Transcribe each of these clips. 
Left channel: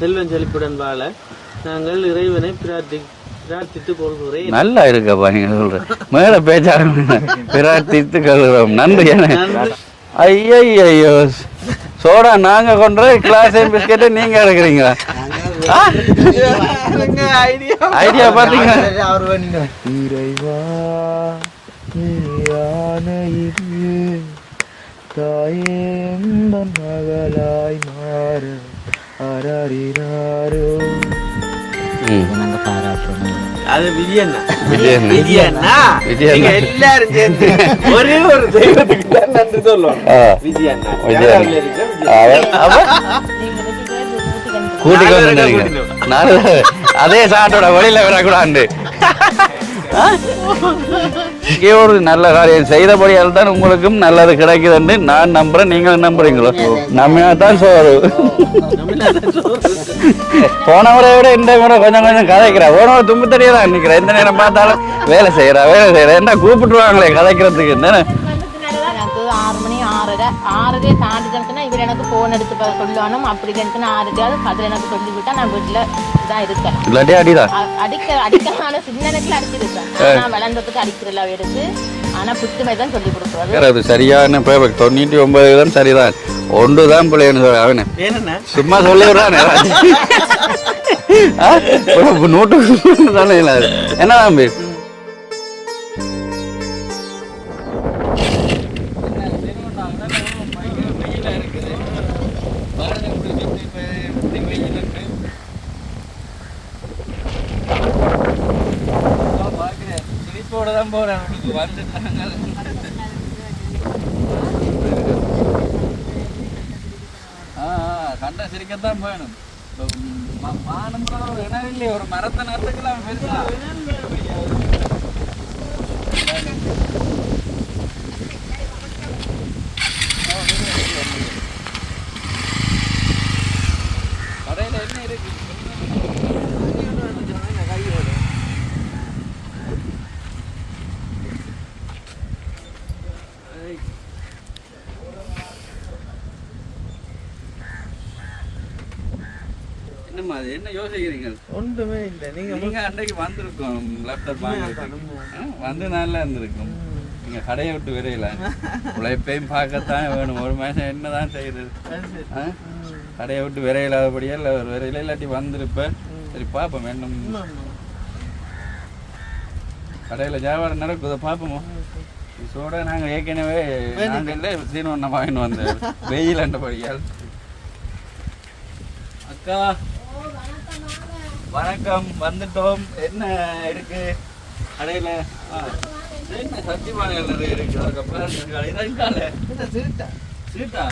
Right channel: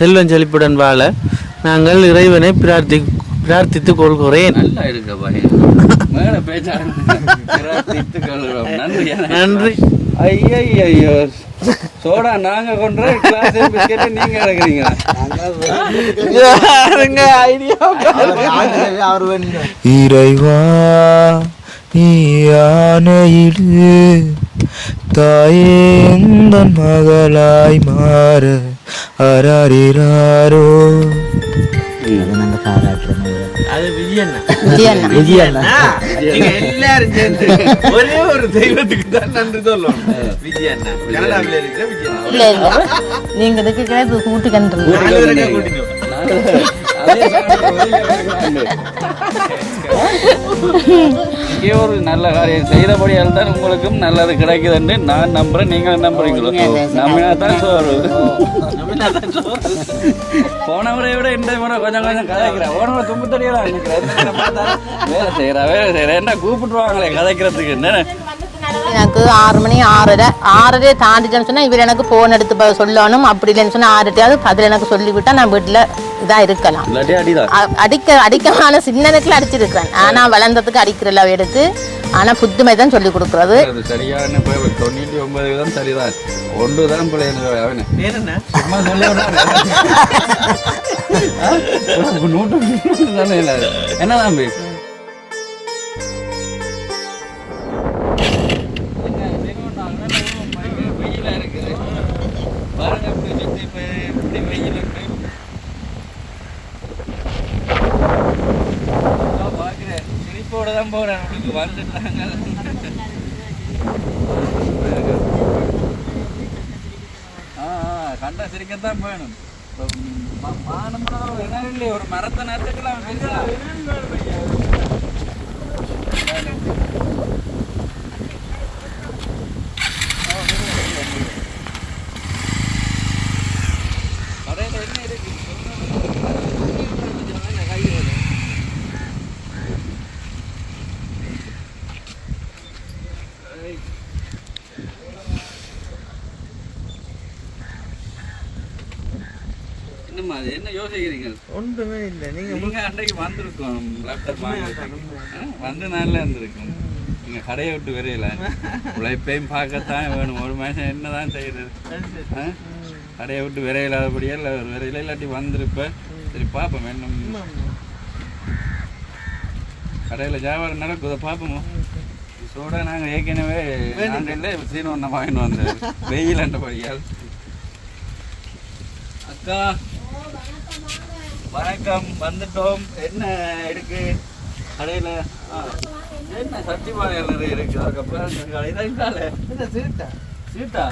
செல்வம் செழிப்புடன் வாழ நாங்கள் இறைவனை பிரார்த்தித்துக் கொள்கிறேன். நல்லா இருக்கப்பா நீங்க மேல பேச்சாங்க. பிரார்த்தித்து கொள்கிறோம். நன்றி நன்றி. ஐயோ சோடா நாங்க கொண்டு கிளாஸ் பிஸ்கெட் நீங்க எடுக்கிறீங்க. ஐடியா பாத்தீங்க. இறைவா நீ ஆணையிடு தாயேந்தன் மகளாய் மாற அராரிராரோ. அது விஜயண்ணா எல்லாரும் சேர்ந்து ஒரே ஒரு தெய்வத்துக்கு தான் நன்றி சொல்லுவோம். விஜயண்ணா அதே சாட்டோட வழியில விடக்கூடாது. ஒரு நல்ல காரியம் செய்தபடியால் தான் உங்களுக்கும் நல்லது கிடைக்குதுன்னு நான் நம்புறேன். நீங்க நம்புறீங்களோ? நம்பினா தான் சோறு. போன முறை விட இந்த முறை கொஞ்சம் கொஞ்சம் கதைக்கிறேன். போன முறை தும்பு தனியா தான் நினைக்கிறேன். எந்த நேரம் பார்த்தாலும் வேலை செய்யறேன் என்ன கூப்பிட்டுருவாங்களே கதைக்கிறதுக்கு. என்ன எனக்கு 6 மணி 6:30 தாண்டிச்சுன்னு சொன்னா இவர் எனக்கு போன் எடுத்து சொல்லணும். அப்படி இல்லைன்னு சொன்னா 6:10 பதில் எனக்கு சொல்லிவிட்டா நான் வீட்டுல இதா இருக்கலாம். அடிக்கமான சின்ன நேரத்துல அடிச்சிருக்கேன். ஆனா வளர்ந்ததுக்கு அடிக்கிறல எடுத்து. ஆனா புத்துமை தான் சொல்லி கொடுக்குறது. சரியான 99 தான் சரிதான். ஒன்றுதான் பிள்ளைன்னு அவன சும்மா சொல்லிடுறான். நோட்டு தானே என்ன தம்பி தான் போறேன். வந்துட்டாங்க கண்ட சிரிக்கத்தான் வேணும். என்ன இல்லையே ஒரு மரத்தை நட்டுக்கலாம் பெருசா. கடையில என்ன இருக்கு? என்ன யோசிக்கிறீங்க? ஒன்றுமே இல்லை. நீங்க அன்றைக்கு வந்திருக்கோம் வந்து நல்லா இருந்திருக்கும். நீங்க கடையை விட்டு விரையில உழைப்பையும் பார்க்கத்தான் வேணும். ஒரு மனுஷன் என்னதான் செய்யறது? கடையை விட்டு விரையில்லாதபடியா இல்லை ஒரு விரையில இல்லாட்டி வந்திருப்பேன். சரி பார்ப்போம் வேணும். கடையில் வியாபாரம் நடக்குதை பார்ப்போமோ. சோட நாங்கள் ஏற்கனவே இல்லை சீனொன்ன வாங்கிட்டு வந்தேன் வெயில் அண்டபடியால். அக்கா வணக்கம். வந்துட்டோம். என்ன இருக்கு கடையில்? என்ன சத்தியமாக இருக்கு. சீட்டா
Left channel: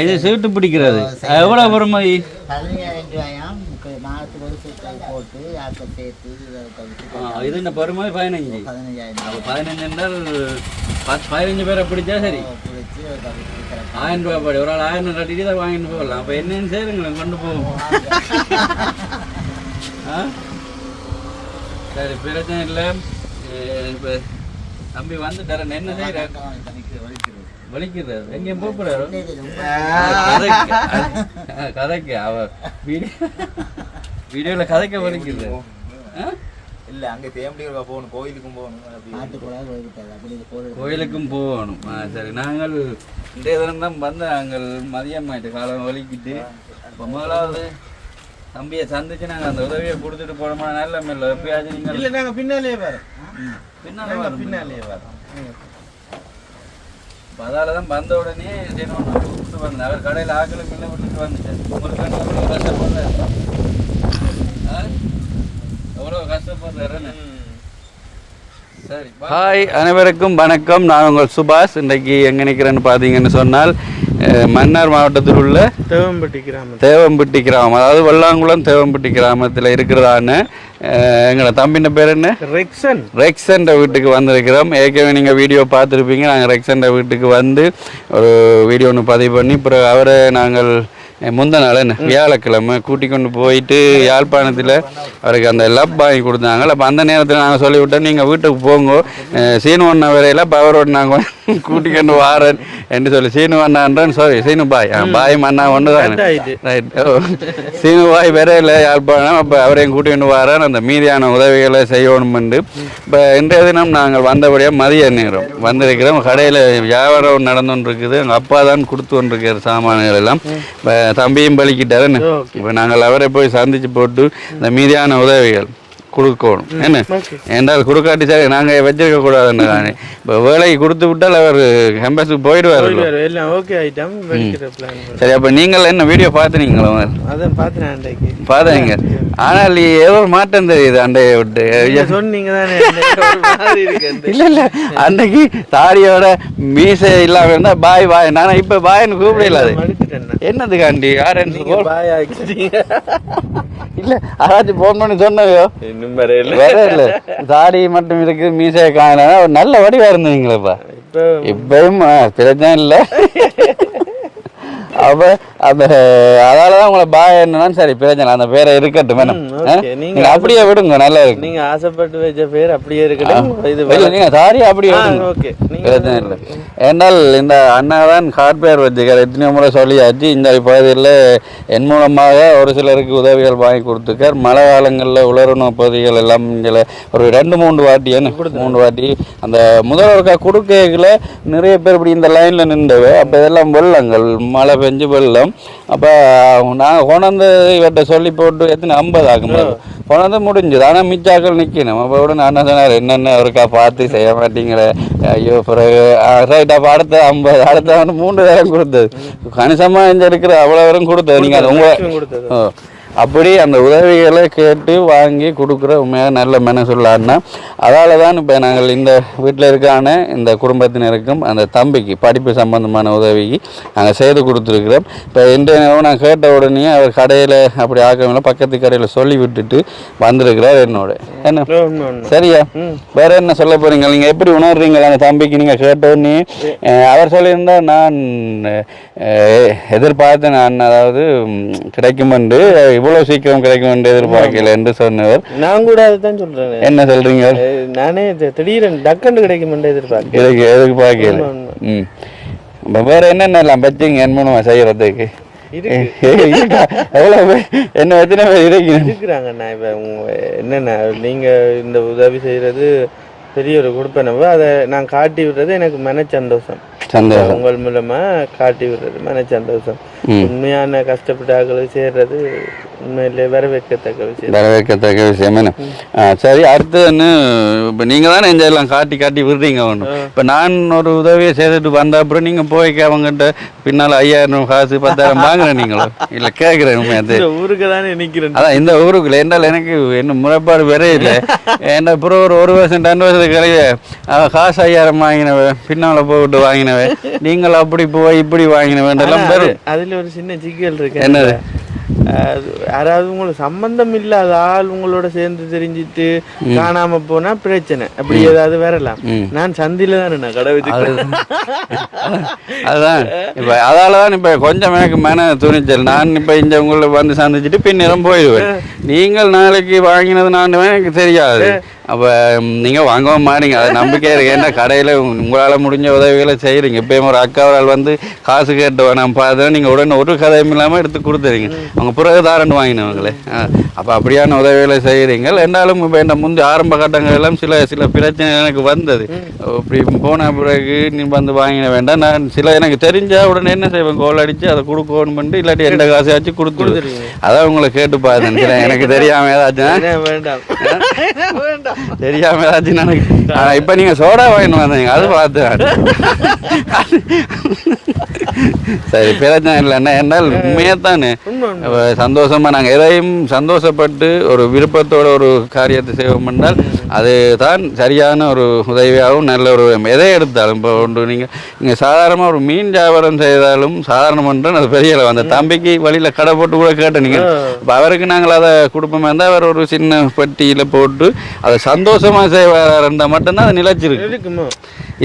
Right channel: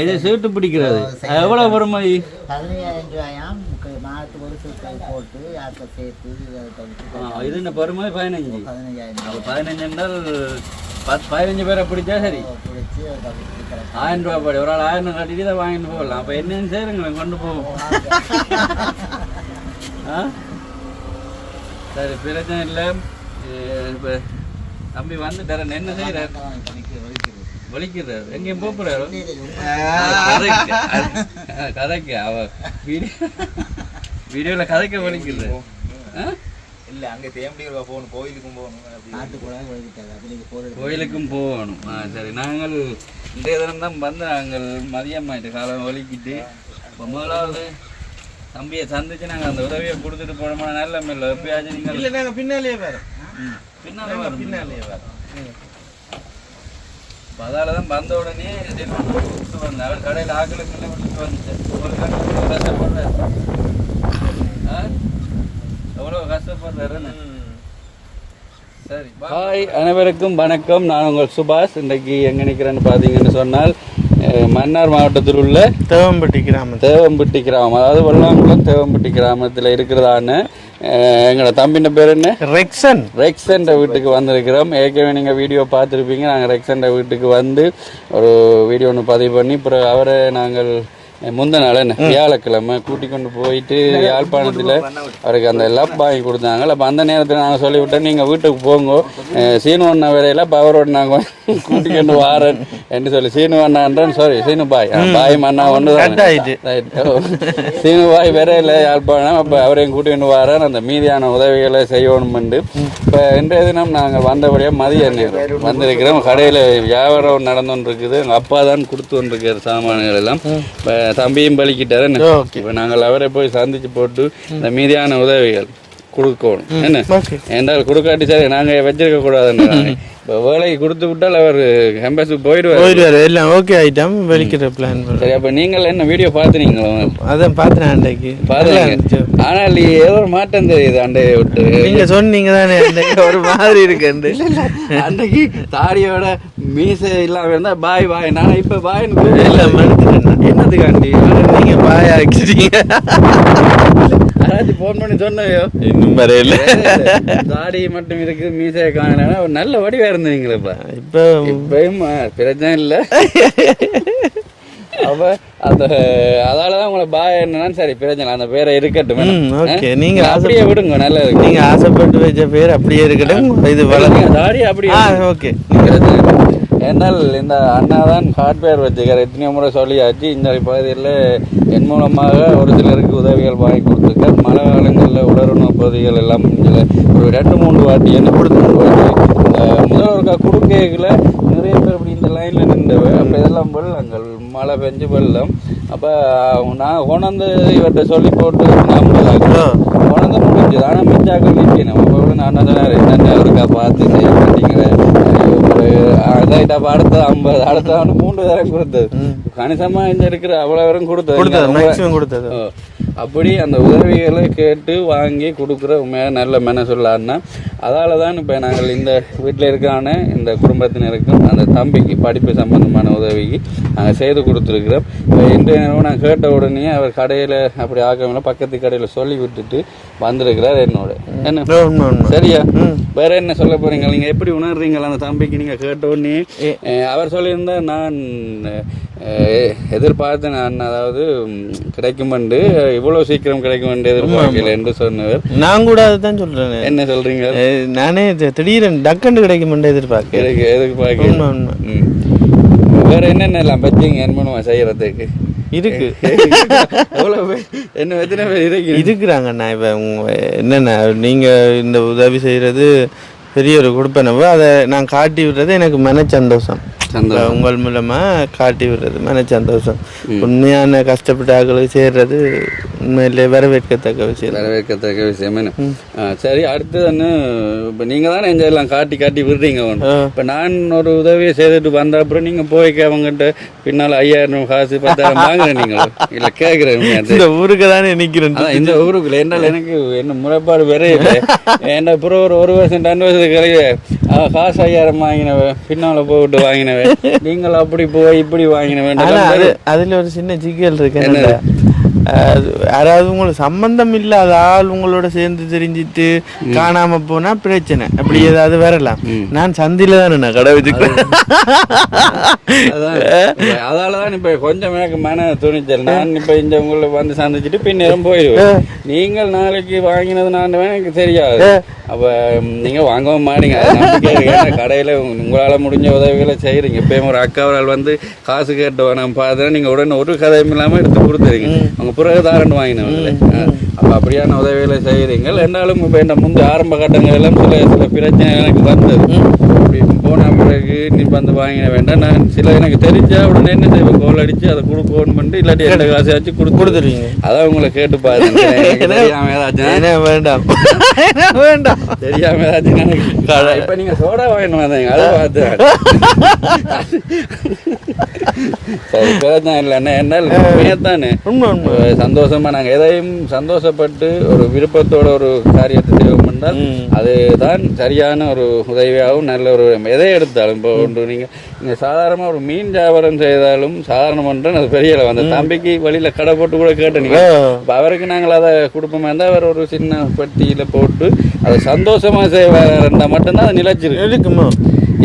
இது சீட்டு பிடிக்கிறது எவ்வளவு பெறுமதி? 15,000 ரூபாயாம். மாதத்துக்கு ஒரு சீட்டை போட்டு சேர்த்து இது என்ன பெறுமதி? 15. 15 என்றால் 15 பேரை பிடிச்சா சரி. 1000 ரூபாய் படி ஒரு ஆள் 1000 கட்டிட்டு தான் வாங்கிட்டு போகலாம். அப்போ என்னன்னு சேருங்களே கொண்டு போவோம். சரி பிரச்சனை இல்லை. இப்போ தம்பி வந்துட்டார என்ன செய்யறாரு? வலிக்கிறாரு. எங்கேயும் போறாரு கதைக்கு. அவ வீடியோல கதைக்க வலிக்கிறாரு. இல்ல அங்க தேம்படியா போகணும். கோயிலுக்கும் போகணும். கோயிலுக்கும் போகணும். சரி நாங்கள் இன்றைய தினம் தான் வந்து நாங்கள் மதியம் ஆயிட்டு காலம் வலிக்கிட்டு முதலாவது தம்பியை சந்திச்சு நாங்கள் அந்த உதவியை கொடுத்துட்டு போனோம்னா நல்ல இல்லை. எப்பயாச்சும் நீங்கள் இல்லை நாங்கள் பின்னாலேயே வரோம். பின்னாலேயே வரோம். அதால தான் வந்த உடனே விட்டு வந்தேன். அவர் கடையில் ஆக்களுக்கு இல்லை விட்டுட்டு வந்துட்டேன். ஒரு கஷ்டப்படுறாரு. எவ்வளோ கஷ்டப்படுறாரு. சரி ஹாய் அனைவருக்கும் வணக்கம். நான் உங்கள் சுபாஷ். இன்றைக்கு எங்கே நிற்கிறேன்னு பார்த்தீங்கன்னு சொன்னால் மன்னார் மாவட்டத்தில் உள்ள தேவம்பட்டி கிராமம் அதாவது வெள்ளாங்குளம் தேவம்பட்டி கிராமத்தில் இருக்கிறதான எங்களோட தம்பின பேர் என்ன? ரெக்ஸன் வீட்டுக்கு வந்திருக்கிறோம். ஏற்கனவே நீங்கள் வீடியோ பார்த்துருப்பீங்க. நாங்கள் ரெக்ஸன் வீட்டுக்கு வந்து ஒரு வீடியோ ஒன்று பதிவு பண்ணி அப்புறம் அவரை நாங்கள் முந்த நாள் என்ன வியாழக்கிழமை கூட்டி கொண்டு போயிட்டு யாழ்ப்பாணத்தில் அவருக்கு அந்த லப் வாங்கி கொடுத்தாங்க. அப்போ அந்த நேரத்தில் நாங்கள் சொல்லிவிட்டோம் நீங்கள் வீட்டுக்கு போங்க சீனு ஒன்றா வரையில பவரோடு நாங்கள் கூட்டி கொண்டு வாரேன் என்று சொல்லி சீனு அண்ணான்றான் சாரி சீனு பாய் பாய் மண்ணா ஒன்று சீனு பாய் வரையில யாழ்ப்பாணம். அப்போ அவரையும் கூட்டி கொண்டு வாரேன் அந்த மீதியான உதவிகளை செய்யணும் என்று. இப்போ இன்றைய தினம் நாங்கள் வந்தபடியாக மதிய நேரம் வந்திருக்கிறோம். கடையில் வியாபாரம் நடந்து கொண்டு இருக்குது. எங்கள் அப்பா தான் கொடுத்து கொண்டிருக்கிற சாமான்கள் எல்லாம். இப்போ தம்பியும் பலிக்கிட்டாரு. இப்போ நாங்கள் அவரை போய் சந்திச்சு போட்டு இந்த மீதியான உதவிகள் கொடுக்கணும் என்ன என்றால் கொடுக்காட்டி சரி நாங்கள் வச்சிருக்க கூடாதுன்னு இப்போ வேலைக்கு கொடுத்து விட்டால் அவர் எம்பஸுக்கு போயிடுவார் எல்லாம் ஓகே ஆகிட்டோம் வெளிக்கிற பிளான். சரி அப்போ நீங்கள் என்ன வீடியோ பார்த்துறீங்களோ? அதான் பார்த்தேன் அன்றைக்கு பார்த்தீங்க. ஆனால் ஏதோ ஒரு மாற்றம் தெரியுது அண்டையை விட்டு. நீங்கள் சொன்னீங்க தானே ஒரு மாதிரி இருக்கு. இல்லை இல்லை அன்றைக்கு தாடியோட மீசை இல்லாமல் இருந்தால் பாய் பாய் நானும் இப்போ பாய்னு கூப்பிடல. என்னதுக்காண்டி யார் நீங்கள் பாய் ஆக்கிட்டீங்க? யாராச்சும் ஃபோன் பண்ணி சொன்னதையோ இன்னும் வரையில தாடி மட்டும் இருக்கு மீசையை காண நல்ல வடிவா இருந்தீங்களப்பா. இப்போ இப்பவும் பிரச்சனை இல்லை. அப்ப அப்ப அதாலதான் உங்களை பாய் என்னன்னா சரி பிரச்சனை அந்த பேரை இருக்கட்டும். நீங்க அப்படியே விடுங்க நல்லா இருக்கு. நீங்க ஆசைப்பட்டு வச்ச பேர் அப்படியே இருக்கட்டும். இது தாடி அப்படியே ஓகே. ஏன்னால் இந்த அண்ணாதான் ஹார்ட்வேர் வச்சுக்கார். எத்தனையோ முறை சொல்லியாச்சு. இந்த பகுதியில் என் மூலமாக ஒரு சிலருக்கு உதவிகள் வாங்கி கொடுத்துருக்கார். மழை காலங்களில் உலர்ண பகுதிகள் எல்லாம் இங்கே ஒரு 2-3 வாட்டி என்ன கொடுத்து 3 வாட்டி இந்த முதல்வருக்கா கொடுக்கைகளை நிறைய பேர் இப்படி இந்த லைனில் நின்றுவே. அப்போ இதெல்லாம் வெள்ளங்கள் மழை பெஞ்சு வெள்ளம். அப்போ நாங்கள் கொண்டாந்து இவர்கிட்ட சொல்லி போட்டு 50 ஆகணும் கொண்டாந்து முடிஞ்சுது. ஆனால் மிச்சாக்கள் நிற்கணும். அப்போ கூட நான் சொன்னார் என்னென்ன இருக்கா பார்த்து செய்ய மாட்டீங்கிற பிறகு ரைட்டாக அடுத்த 50 அடுத்த 3 தரம் கொடுத்தது. கணிசமாக இங்கே இருக்கிற அவ்வளோ வரும் கொடுத்தது. அப்படி அந்த உதவிகளை கேட்டு வாங்கி கொடுக்குற உண்மையாக நல்ல மென சொல்லாருன்னா அதால் தான் இப்போ நாங்கள் இந்த வீட்டில் இருக்கான இந்த குடும்பத்தினருக்கும் அந்த தம்பிக்கு படிப்பு சம்பந்தமான உதவிக்கு நாங்கள் செய்து கொடுத்துருக்குறோம். இப்போ இன்றைய நேரம் நான் கேட்ட உடனே அவர் கடையில் அப்படி ஆக்கவில்லை பக்கத்து கடையில் சொல்லி விட்டுட்டு வந்திருக்கிறார் என்னோட. என்ன சரியா வேற என்ன சொல்ல போகிறீங்க? நீங்கள் எப்படி உணர்றீங்களா அந்த தம்பிக்கு? நீங்கள் கேட்ட உடனே அவர் சொல்லியிருந்தால் நான் எதிர்பார்த்து நான் அதாவது கிடைக்கும் என்று இவ்வளவு சீக்கிரம் கிடைக்கும் என்று எதிர்பார்க்கல என்று சொன்னவர். நான் கூட அதுதான் சொல்றேன். என்ன சொல்றீங்க? நானே திடீர்னு டக்குன்னு கிடைக்கும் என்று எதிர்பார்க்கல. வேற என்னென்னலாம் பற்றிங்க என் மூலமா செய்யறதுக்கு இருக்கு? எவ்வளவு என்ன எத்தனை பேர் இருக்கிறாங்கண்ணா? இப்ப என்னண்ணா நீங்க இந்த உதவி செய்யறது பெரிய ஒரு கொடுப்பனவோ அதை நான் காட்டி விடுறது எனக்கு மன சந்தோஷம். உங்கள் மூலமா காட்டி விடுறது மன சந்தோஷம். உண்மையான கஷ்டப்பட்டாக்களை சேர்றது உண்மையிலே வரவேற்கத்தக்க விஷயம். என்ன சரி அடுத்து என்ன இப்போ நீங்கள் தானே எல்லாம் காட்டி விடுறீங்க. ஒன்று இப்போ நான் ஒரு உதவியை செய்துட்டு வந்த அப்புறம் நீங்கள் போய் அவங்ககிட்ட பின்னால் 5000 காசு 10,000 வாங்குறேன் நீங்களும் இல்லை கேட்குறேன். இந்த ஊருக்கு தானே நிற்கிறேன். அதான் இந்த ஊருக்குள்ள என்றால் எனக்கு என்ன முறைப்பாடு வரையில என்ன அப்புறம் ஒரு வருஷம் 2 வருஷத்துக்கு கிடையாது காசு 5000 வாங்கினவன் பின்னால் போட்டு வாங்கினவன் நீங்கள் அப்படி போய் இப்படி வாங்கின வேண்டும். அதுல ஒரு சின்ன சிக்கல் இருக்கு. அதாவது உங்களுக்கு சம்பந்தம் இல்லாத ஆள் உங்களோட சேர்ந்து தெரிஞ்சிட்டு காணாம போனா பிரச்சனை அப்படி ஏதாவது வரலாம். நான் சந்தில தானே கடை வச்சுக்கிறேன். அதாலதான் இப்ப கொஞ்சம் எனக்கு மன துணிச்சல். நான் இப்ப இந்த உங்களை வந்து சந்திச்சுட்டு பின்னரும் போயிடுவேன். நீங்கள் நாளைக்கு வாங்கினது நான் எனக்கு தெரியாது. அப்போ நீங்கள் வாங்கவும் மாறீங்க அதை நம்பிக்கையாக இருக்கு. ஏன்னா கடையில் உங்களால் முடிஞ்ச உதவிகளை செய்கிறீங்க. இப்போயும் ஒரு அக்காவரால் வந்து காசு கேட்டு நான் பார்த்தேன் நீங்கள் உடனே ஒரு கதையும் இல்லாமல் எடுத்து கொடுத்துறீங்க. அவங்க பிறகு தாரண்டு வாங்கினவங்களே. அப்போ அப்படியான உதவிகளை செய்கிறீங்க. ரெண்டாலும் இப்போ என்ன முந்தைய ஆரம்ப கட்டங்களெல்லாம் சில பிரச்சனை எனக்கு வந்தது. அப்படி போன பிறகு நீ வந்து வாங்கின வேண்டாம். நான் சில எனக்கு தெரிஞ்சா உடனே என்ன செய்வேன் கோல் அடித்து அதை கொடுக்கணும் பண்ணிட்டு இல்லாட்டி எந்த காசை வச்சு கொடுத்துருவீங்க. அதான் உங்களை கேட்டு பார்த்தேன். எனக்கு தெரியாமல் ஏதாச்சும் வேண்டாம் தெரியாம ஏதாச்சும் இப்ப நீங்க சோடா வாங்கிட்டு வந்தீங்க அதை பார்த்தேன். சரி பிரச்சனை இல்லைன்னா என்னால் உண்மையாத்தானே சந்தோஷமா நாங்கள் எதையும் சந்தோஷப்பட்டு ஒரு விருப்பத்தோட ஒரு காரியத்தை செய்வோம் என்றால் அதுதான் சரியான ஒரு உதவியாகவும் நல்ல ஒரு எதை எடுத்தாலும் இப்போ ஒன்று நீங்கள் சாதாரணமாக ஒரு மீன் வியாபாரம் செய்தாலும் சாதாரணம் பண்ணுறேன் அது பெரிய அந்த தம்பிக்கு வழியில் கடை போட்டு கூட கேட்டேன். நீங்கள் இப்போ அவருக்கு நாங்கள் அதை கொடுப்போமே இருந்தால் அவர் ஒரு சின்ன பட்டியில் போட்டு அதை சந்தோஷமாக செய்வார் மட்டும்தான் அது நிலைச்சிருக்கு.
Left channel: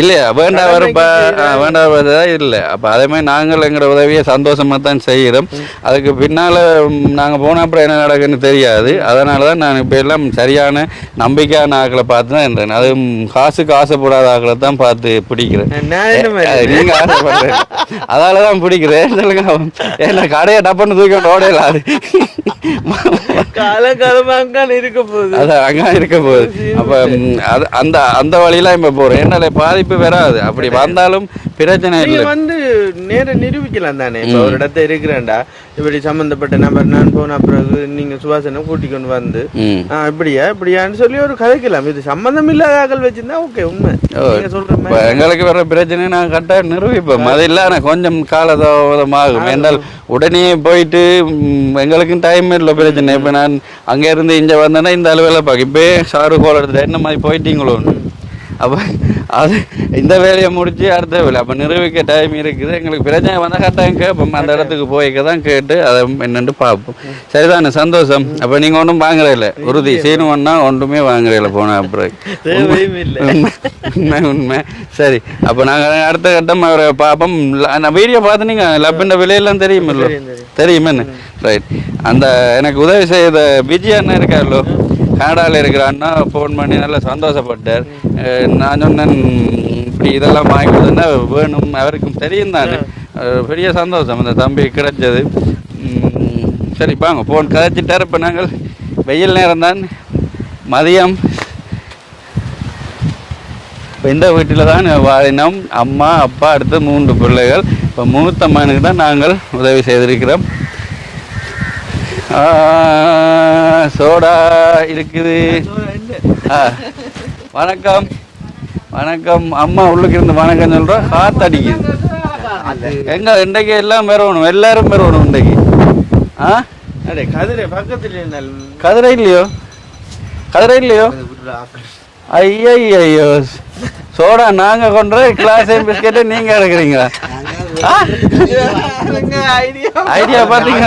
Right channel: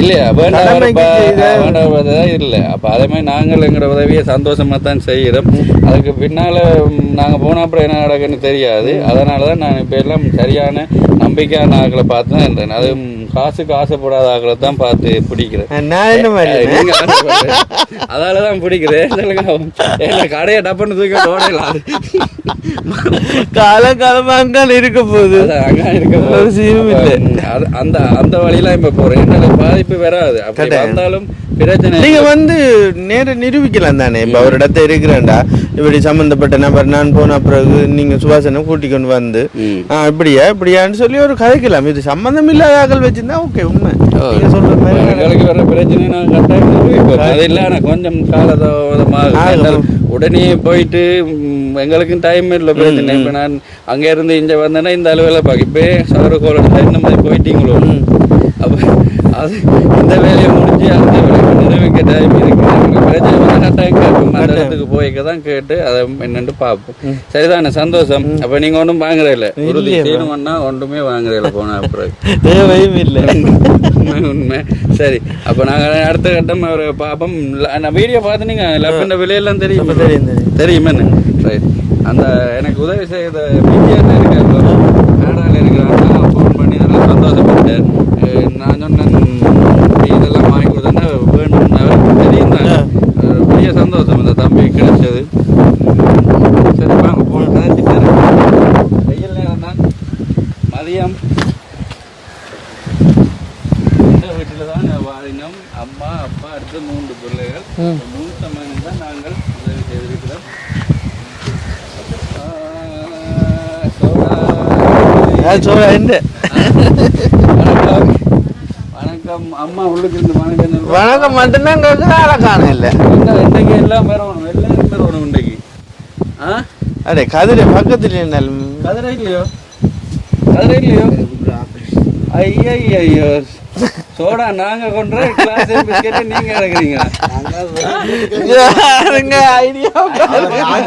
இல்லையா வேண்டாம் இல்லை. அப்போ அதே மாதிரி நாங்கள் எங்களோட உதவியை சந்தோஷமாக தான் செய்கிறோம். அதுக்கு பின்னால் நாங்கள் போன அப்புறம் என்ன நடக்குன்னு தெரியாது. அதனால தான் நான் இப்போ எல்லாம் சரியான நம்பிக்கையான ஆக்களை பார்த்து தான் இருந்தேன். அதுவும் காசுக்கு ஆசைப்படாத ஆக்களை தான் பார்த்து பிடிக்கிறேன். நீங்கள் ஆசைப்படுறேன், அதால தான் பிடிக்கிறேன். என்ன கடையை டப்புன்னு தூக்கி ஓடையிலாது காலங்காலமாக அங்கே இருக்க போகுது. அதான் அங்கே இருக்க போகுது. அந்த அந்த வழியெல்லாம் இப்போ போகிறோம். என்னால பாதிப்பு வராது. அப்படி வந்தாலும் பிரச்சனை. நீங்க வந்து நேரம் நிரூபிக்கலாம் தானே. இப்ப ஒரு இடத்த இருக்கிறேன்டா, இப்படி சம்பந்தப்பட்ட நபர் நான் போன பிறகு நீங்க சுபாசனை கூட்டி கொண்டு வந்து இப்படியான்னு சொல்லி ஒரு கதைக்கலாம். இது சம்பந்தம் இல்லாத ஆக்கள் வச்சிருந்தா ஓகே. உண்மை எங்களுக்கு வர பிரச்சனை நான் கட்டாயம் நிரூபிப்போம். அது இல்லை கொஞ்சம் காலதாமதமாக உடனே போயிட்டு எங்களுக்கும் டைம் இல்லை. பிரச்சனை இப்போ நான் அங்கே இருந்து இங்கே வந்தேன்னா இந்த அளவில் பார்க்க இப்போ சாரு கோலத்தில் என்ன மாதிரி போயிட்டீங்களோ. அப்போ அது இந்த வேலையை முடிச்சு அடுத்த வேலை அப்போ நிரூபிக்க டைம் இருக்குது. எங்களுக்கு பிரச்சனை வந்து கட்டாயம் கேட்போம். அந்த இடத்துக்கு போய்க்க தான் கேட்டு அதை என்னென்னு பார்ப்போம். சரிதானே? சந்தோஷம். அப்போ நீங்கள் ஒன்றும் வாங்குறதில்ல, உறுதி செய்யணும்னா ஒன்றுமே வாங்குறதில்ல போன அப்புறம் உண்மை உண்மை. சரி, அப்போ நாங்கள் அடுத்த கட்டம் அவரை பார்ப்போம். நான் வீடியோ பார்த்து நீங்கள் லப்பண்ட விலையெல்லாம் தெரியுமில்ல? தெரியுமேன்னு. ரைட். அந்த எனக்கு உதவி செய்த பிஜியான்னு இருக்காரோ, கனடாவில் இருக்கிறான்னா ஃபோன் பண்ணி நல்லா சந்தோஷப்பட்டார். நான் சொன்னேன் இதெல்லாம் வாங்கி கொடுத்தா வேணும், அவருக்கு தெரியும் தானே. பெரிய சந்தோஷம் அந்த தம்பி கிடைச்சது. சரி வாங்க போன் கதைச்சிட்டார். இப்போ நாங்கள் வெயில் நேரம் தான், மதியம் இந்த வீட்டில் தான் வாழினோம். அம்மா அப்பா அடுத்து 3 பிள்ளைகள். இப்போ மூத்த மகனுக்கு தான் நாங்கள் உதவி செய்திருக்கிறோம். சோடா இருக்குது. வணக்கம் வணக்கம். அம்மா உள்ளுக்கு இருந்து வணக்கம் சொல்றேன். எங்க இன்றைக்கு எல்லாம் பெறணும், எல்லாரும் பெறணும் இன்றைக்கு. அதே கதிரை பக்கத்துல கதிரை இல்லையோ? கதிரை இல்லையோ? ஐயோ சோடா நாங்க கொண்டு கிளாஸ் பிஸ்கெட்டு நீங்க எடுக்கிறீங்க. ஐடியா பாத்தீங்க.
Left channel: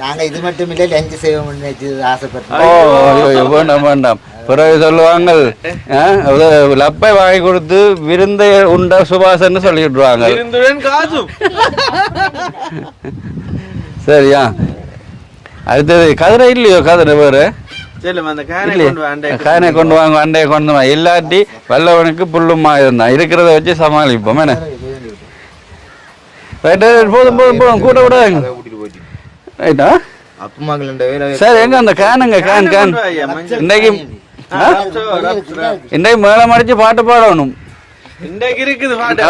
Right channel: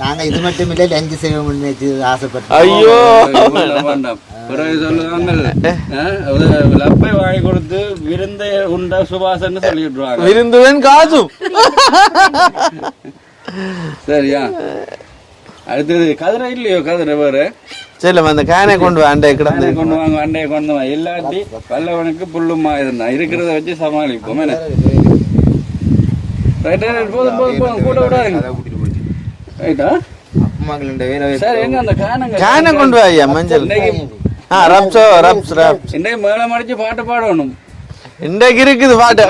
நாங்க இது மட்டும் இல்லை, லஞ்சு செய்வோம்னு ஆசைப்பட்டோம். ஐயோ வேண்டாம். பிறகு சொல்லுவாங்க லப்பை வாங்கி கொடுத்து விருந்தை உண்ட சுபாசன்னு சொல்லி விட்டுருவாங்க. விருந்துவேன் காசும். சரியா? அடுத்தது கதிரை இல்லையோ? கதிரை வேறு அந்த கானை கொண்டு கானை கொண்டு வாங்க, அண்டையை கொண்டு வா. இல்லாட்டி வல்லவனுக்கு புல்லுமா இருந்தான். இருக்கிறத வச்சு சமாளிப்போம். என்ன போதும் போதும் போதும் கூட விடாங்க. ரைட்டா? சரி, எங்க அந்த கானுங்க இன்னைக்கு இன்னைக்கு மேலம் அடிச்சு பாட்டு பாடணும். இன்றைக்கு இருக்குது பாட்டு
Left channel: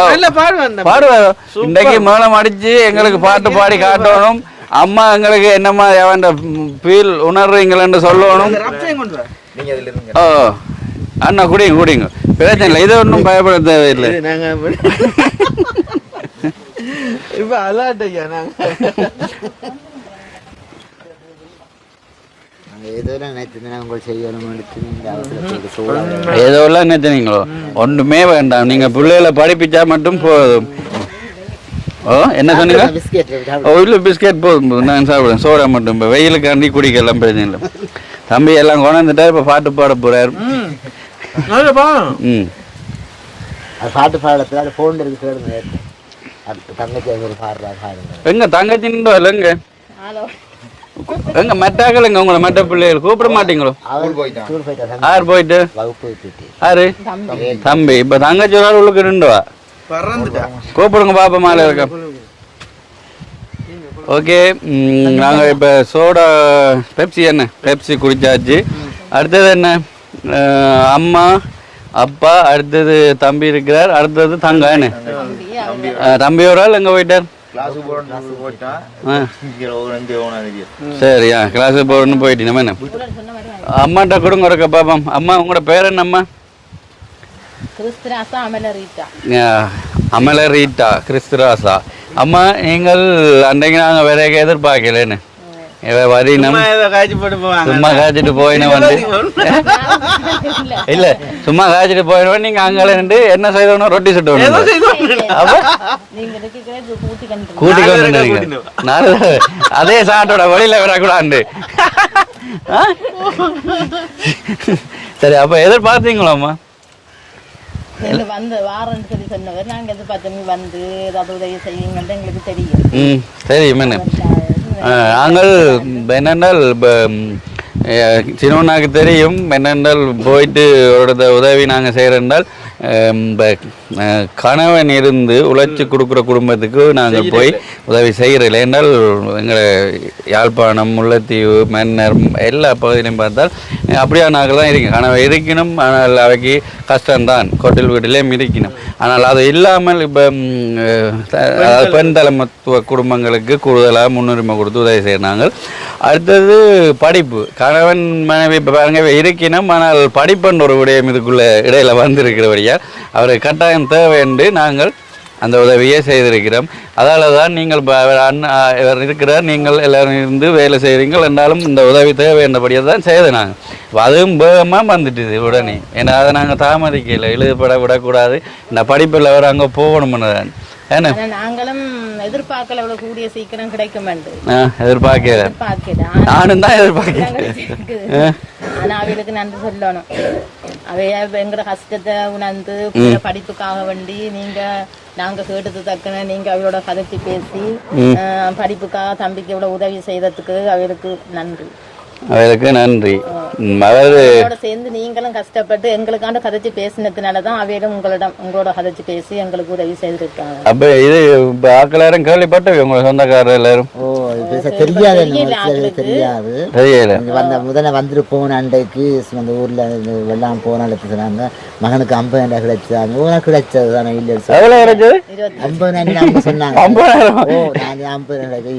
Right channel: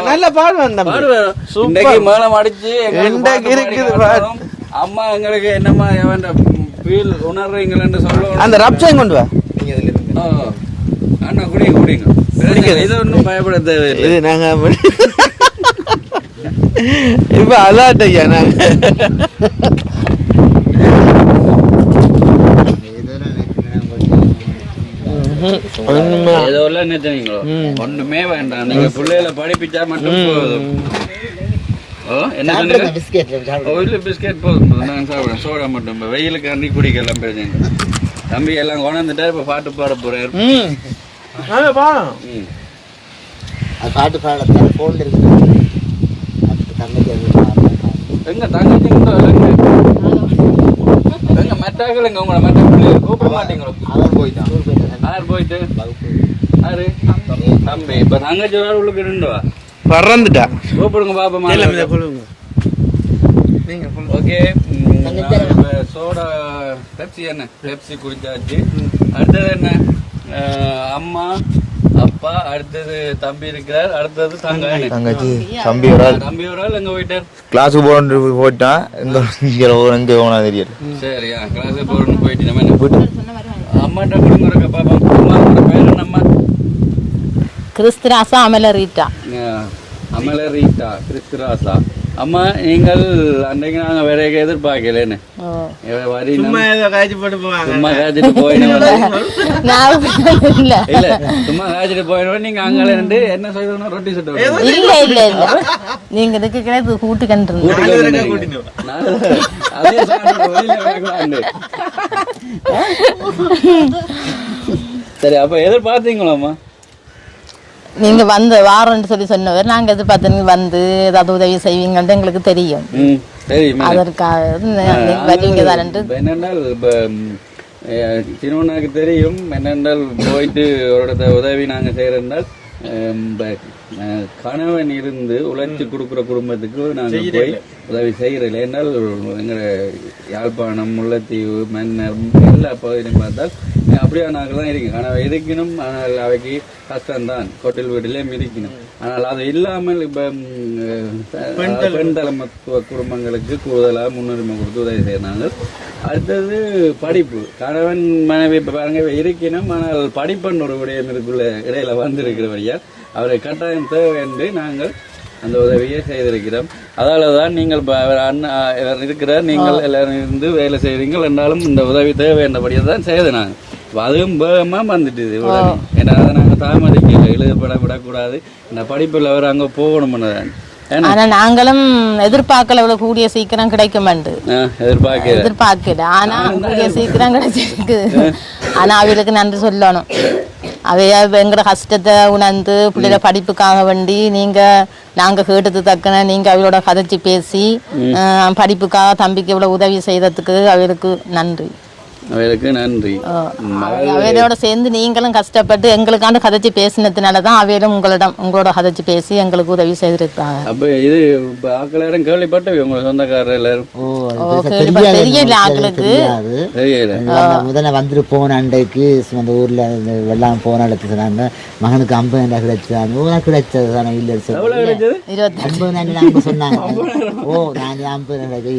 பாடுவேன். இன்னைக்கு மேலம் அடிச்சு எங்களுக்கு பாட்டு பாடி காட்டணும். அம்மா எங்களுக்கு என்னம்மா ஃபீல் உணர்றீங்களன்னு சொல்லணும். அந்த ரப்சையும் கொண்டு வா. ஓ அண்ணா குடிங்க குடிங்க, பிரச்சனை இல்லை. இது ஒன்றும் பயப்பட தேவையில்லை. நாங்கள் இப்போ அதாட்டையா நாங்கள் ஏதோ நினைச்சீங்களோ? ஒன்றுமே வேண்டாம். நீங்க பிள்ளைகளை படிப்பிச்சா மட்டும் போதும். ஓ என்ன சொன்னீங்க? இல்லை பிஸ்கெட் போதும் போதும், நான் சாப்பிடுவேன். சோடா மட்டும். இப்போ வெயிலுக்கு அண்டி குடிக்கலாம், பிரச்சனை இல்லை. தம்பி எல்லாம் கொண்டாந்துட்டா இப்போ பாட்டு பாட போறாரு. பாட்டு பாட போன் இருக்குது. எங்க தங்கச்சின்னு இல்லைங்க, எங்க மெட்டாக்கலைங்க. உங்களை மெட்ட பிள்ளைகள் கூப்பிட மாட்டீங்களோ? யார் போயிட்டு? யாரு? தம்பி. இப்போ தங்கச்சி ஒரு உள்ளுக்கு நின்றுவா, பறந்துட்டா. கூப்பிடுங்க பாப்பா மாலை. ஓகே, நாங்கள் இப்போ சோடா பெப்சி என்ன பெப்சி குடிச்சாச்சு. அடுத்தது என்ன? அம்மா அப்பா, அடுத்தது தம்பி இருக்கிறார், அடுத்தது தங்க. என்ன தம்பி ஒரு ஆள் எங்கே போயிட்டார்? கிளாஸுக்கு போயிட்டான். தெரியும். சரியா, கிளாஸுக்கு போகணும்னு போயிட்டு நம்ம என்ன அம்மாட்ட கொடுங்க ஒரு பாப்போம். அம்மா உங்களோட பேர் என்னம்மா? கிறிஸ்துராசா அமலரீட்டா. அமலரீட்டா கிறிஸ்துராசா. அம்மா நீங்கள் அன்றைக்கு நாங்கள் வேற எதிர்பார்க்கலன்னு சும்மா காய்ச்சிட்டு போயினோம். இல்ல சும்மா காய்ச்சிட்டு போயிடுவோம். நீங்க அங்கே நின்று என்ன செய்யணும்? ரொட்டி சுட்டு அதே சாட்டோட வழியில விடக்கூடாது. சரி, அப்போ எதிர்பார்த்தீங்களாம்மா? நீங்க வந்து வாரம்னு சொல்லி சொன்னவர் நாங்க எதிர்பார்த்து நீங்க வந்து ஏதாவது உதவி செய்வீங்கன்னு எங்களுக்கு தெரியும். தெரியும். என்னென்னால் சின்னவனாக்கு தெரியும் என்னென்றால் போயிட்டு ஒரு உதவி நாங்கள் செய்கிறோம்னால் கணவன் இருந்து உழைச்சி கொடுக்குற குடும்பத்துக்கு நாங்கள் போய் உதவி செய்கிறோம். ஏன்னால் எங்களை யாழ்ப்பாணம், முல்லைத்தீவு, மன்னர் எல்லா பகுதியிலையும் பார்த்தால் அப்படியா நாங்கள் தான் இருக்கணும். கணவன் இருக்கணும், ஆனால் அவைக்கு கஷ்டம்தான், கொட்டில் வீட்டிலையும் இருக்கணும். ஆனால் அது இல்லாமல் இப்போ பெண் தலைமத்துவ குடும்பங்களுக்கு கூடுதலாக முன்னுரிமை கொடுத்து உதவி செய்கிறாங்க. அடுத்தது படிப்பு. கணவன் மனைவி பாருங்க இருக்கணும், ஆனால் படிப்புன்ற ஒரு விடயம் இதுக்குள்ளே இடையில வந்திருக்கிறபடியா அவரை கட்டாயம் தேவை என்று நாங்கள் அந்த உதவியை செய்திருக்கிறோம். அதால தான் நீங்கள் இவர் இருக்கிறார், நீங்கள் எல்லாரும் இருந்து வேலை செய்கிறீங்கள் என்றாலும் இந்த உதவி தேவை என்றபடியாக தான் செய்த நாங்கள். அதுவும் வேகமாக வந்துட்டுது உடனே. ஏன்னா அதை நாங்கள் தாமதிக்கல, எழுதப்பட விடக்கூடாது, இந்த படிப்பில் அவர் அங்கே போகணும்னு தான். ஆனா நாங்களும் எதிர்பார்க்கல இவ்வளவு கூடிய சீக்கிரம் கிடைக்கும் எதிர்பார்க்கல சீக்கிரம் கிடைச்சிருக்கு. ஆனா அவளுக்கு நன்றி சொல்லணும். அவைய எங்கட கஷ்டத்தை உணர்ந்து பிள்ளைய படிப்புக்காக வேண்டி நாங்க கேட்டது தக்கன நீங்க அவளோட கதைச்சி பேசி படிப்புக்காக தம்பிக்கு இவ்வளவு உதவி செய்யறதுக்கு அவளுக்கு நன்றி. அவருக்கு நன்றி. அவையோட சேர்ந்து நீங்களும் கஷ்டப்பட்டு எங்களுக்காண்டு கதைச்சு பேசினதுனாலதான் அவையிலும் உங்களோட கதைச்சு பேசி எங்களுக்கு உதவி செய்திருக்காங்க. அப்ப இது ஆக்கள் கேள்விப்பட்ட உங்க சொந்தக்காரர் எல்லாரும் தெரியல ஆக்களுக்கு முதல்ல வந்துட்டு போன அண்டைக்கு இந்த ஊர்ல எல்லாம் போன இடத்துல சொன்னாங்க மகனுக்கு 50,000 கிடைச்சாங்க. கிடைச்சது தானே இல்ல 50,000 சொன்னாங்க.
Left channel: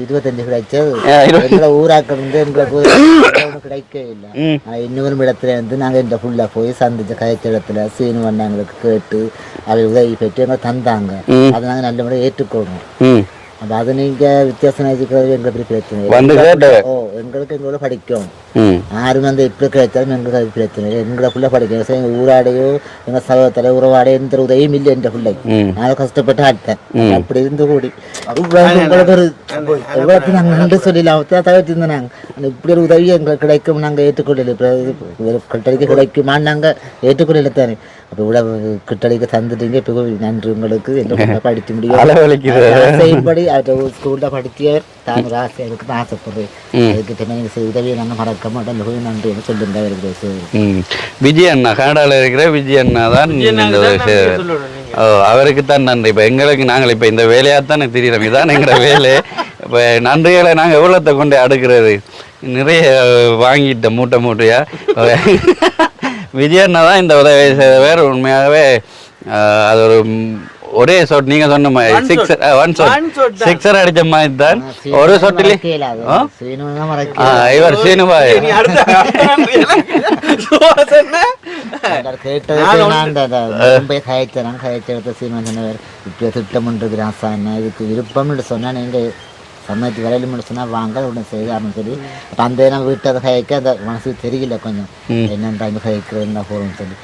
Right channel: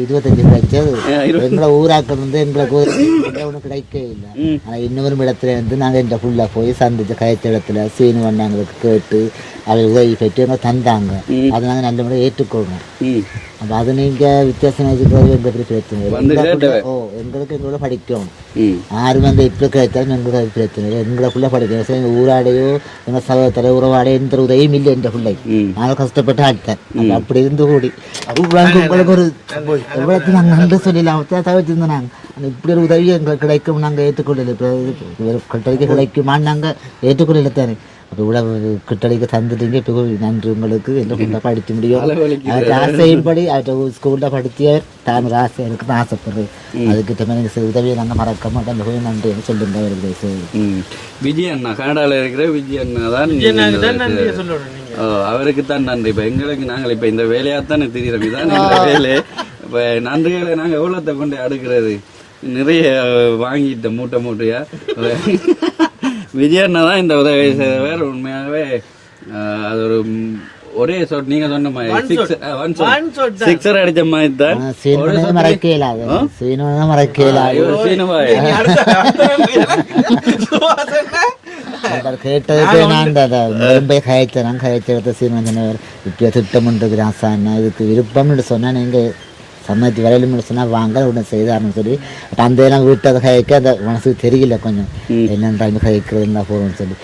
25 கிடைச்சது. ஊராக்கள் வந்து எங்களுக்கு கிடைக்கவே இல்லை. இன்னொரு இடத்துல இருந்து நாங்கள் இந்த புள்ள போய் சந்திச்ச கயத்த இடத்துல சீனு வண்ணங்களுக்கு கேட்டு அதை உதவி பெற்று எங்களை தந்தாங்க. அதை நாங்கள் நல்ல முறை ஏற்றுக்கொள்ளணும். அப்போ அது நீங்கள் வித்தியாசம் இருக்கிறது எங்களுக்கு பிரச்சனை எங்களுக்கு எங்களோட படிக்கும். யாரும் வந்து எப்படி கிடைச்சாலும் எங்களுக்கு பிரச்சனை இல்லை. எங்களை பிள்ளை படிக்க ஊராடையோ எங்கள் சகோதர உறவாடையோ எந்த உதவியும் இல்லை. என்ற பிள்ளை நான் கஷ்டப்பட்டு ஆட்டேன். அப்படி இருந்து கூடி உங்களுக்கு ஒரு எவ்வளோத்தையும் நாங்கள் நன்றி சொல்லலாம். தவிர்த்து நாங்கள் இப்படி ஒரு உதவி எங்களுக்கு கிடைக்கும் நாங்கள் ஏற்றுக்கொள்ளலை. கட்டளைக்கு கிடைக்குமான்னு நாங்கள் ஏற்றுக்கொள்ளலை தானே. அப்போ இவ்வளவு கிட்டடிக்க தந்துட்டீங்க. இப்போ நன்றி உங்களுக்கு. எங்களை படிக்க முடியும் ஸ்கூல்ல படிக்க தான் ஆசை எனக்கு தான் ஆசைப்படுறேன். அதுக்கிட்ட நீங்கள் உதவியை நாங்கள் மறக்க மாட்டோம். மிகவும் நன்றி சொல்லுங்க. விஜய் அண்ணா கனடாவில் இருக்கிற விஜய் அண்ணா தான் அவருக்கு தான் நன்றி. இப்போ எங்களுக்கு நாங்கள் இப்போ இந்த வேலையாகத்தானே தெரியுறோம். இதான் எங்களை வேலை. இப்போ நன்றிகளை நாங்கள் எவ்வளோத்தை கொண்டு அடுக்கிறது நிறைய வாங்கிட்ட மூட்டையா. விஜயண்ணா தான் இந்த உதவி செய்தவர். உண்மையாகவே அது ஒரே ஷாட் நீங்க சொன்ன மாதிரி சிக்ஸர் அடிச்ச மாதிரி தான் ஒரு ஷாட்ல இவர் சீனுபாய் விருப்பம் சொன்னா நீங்க சம்மதி வரையிலும் சொன்னால் வாங்க உடனே செய்தாருன்னு சொல்லி அந்த நாங்கள் விட்டு அதை கதைக்க அந்த மனசுக்கு தெரியல கொஞ்சம் என்னென்ன டைம் கதைக்கிறதுனா போகணும்னு சொல்லி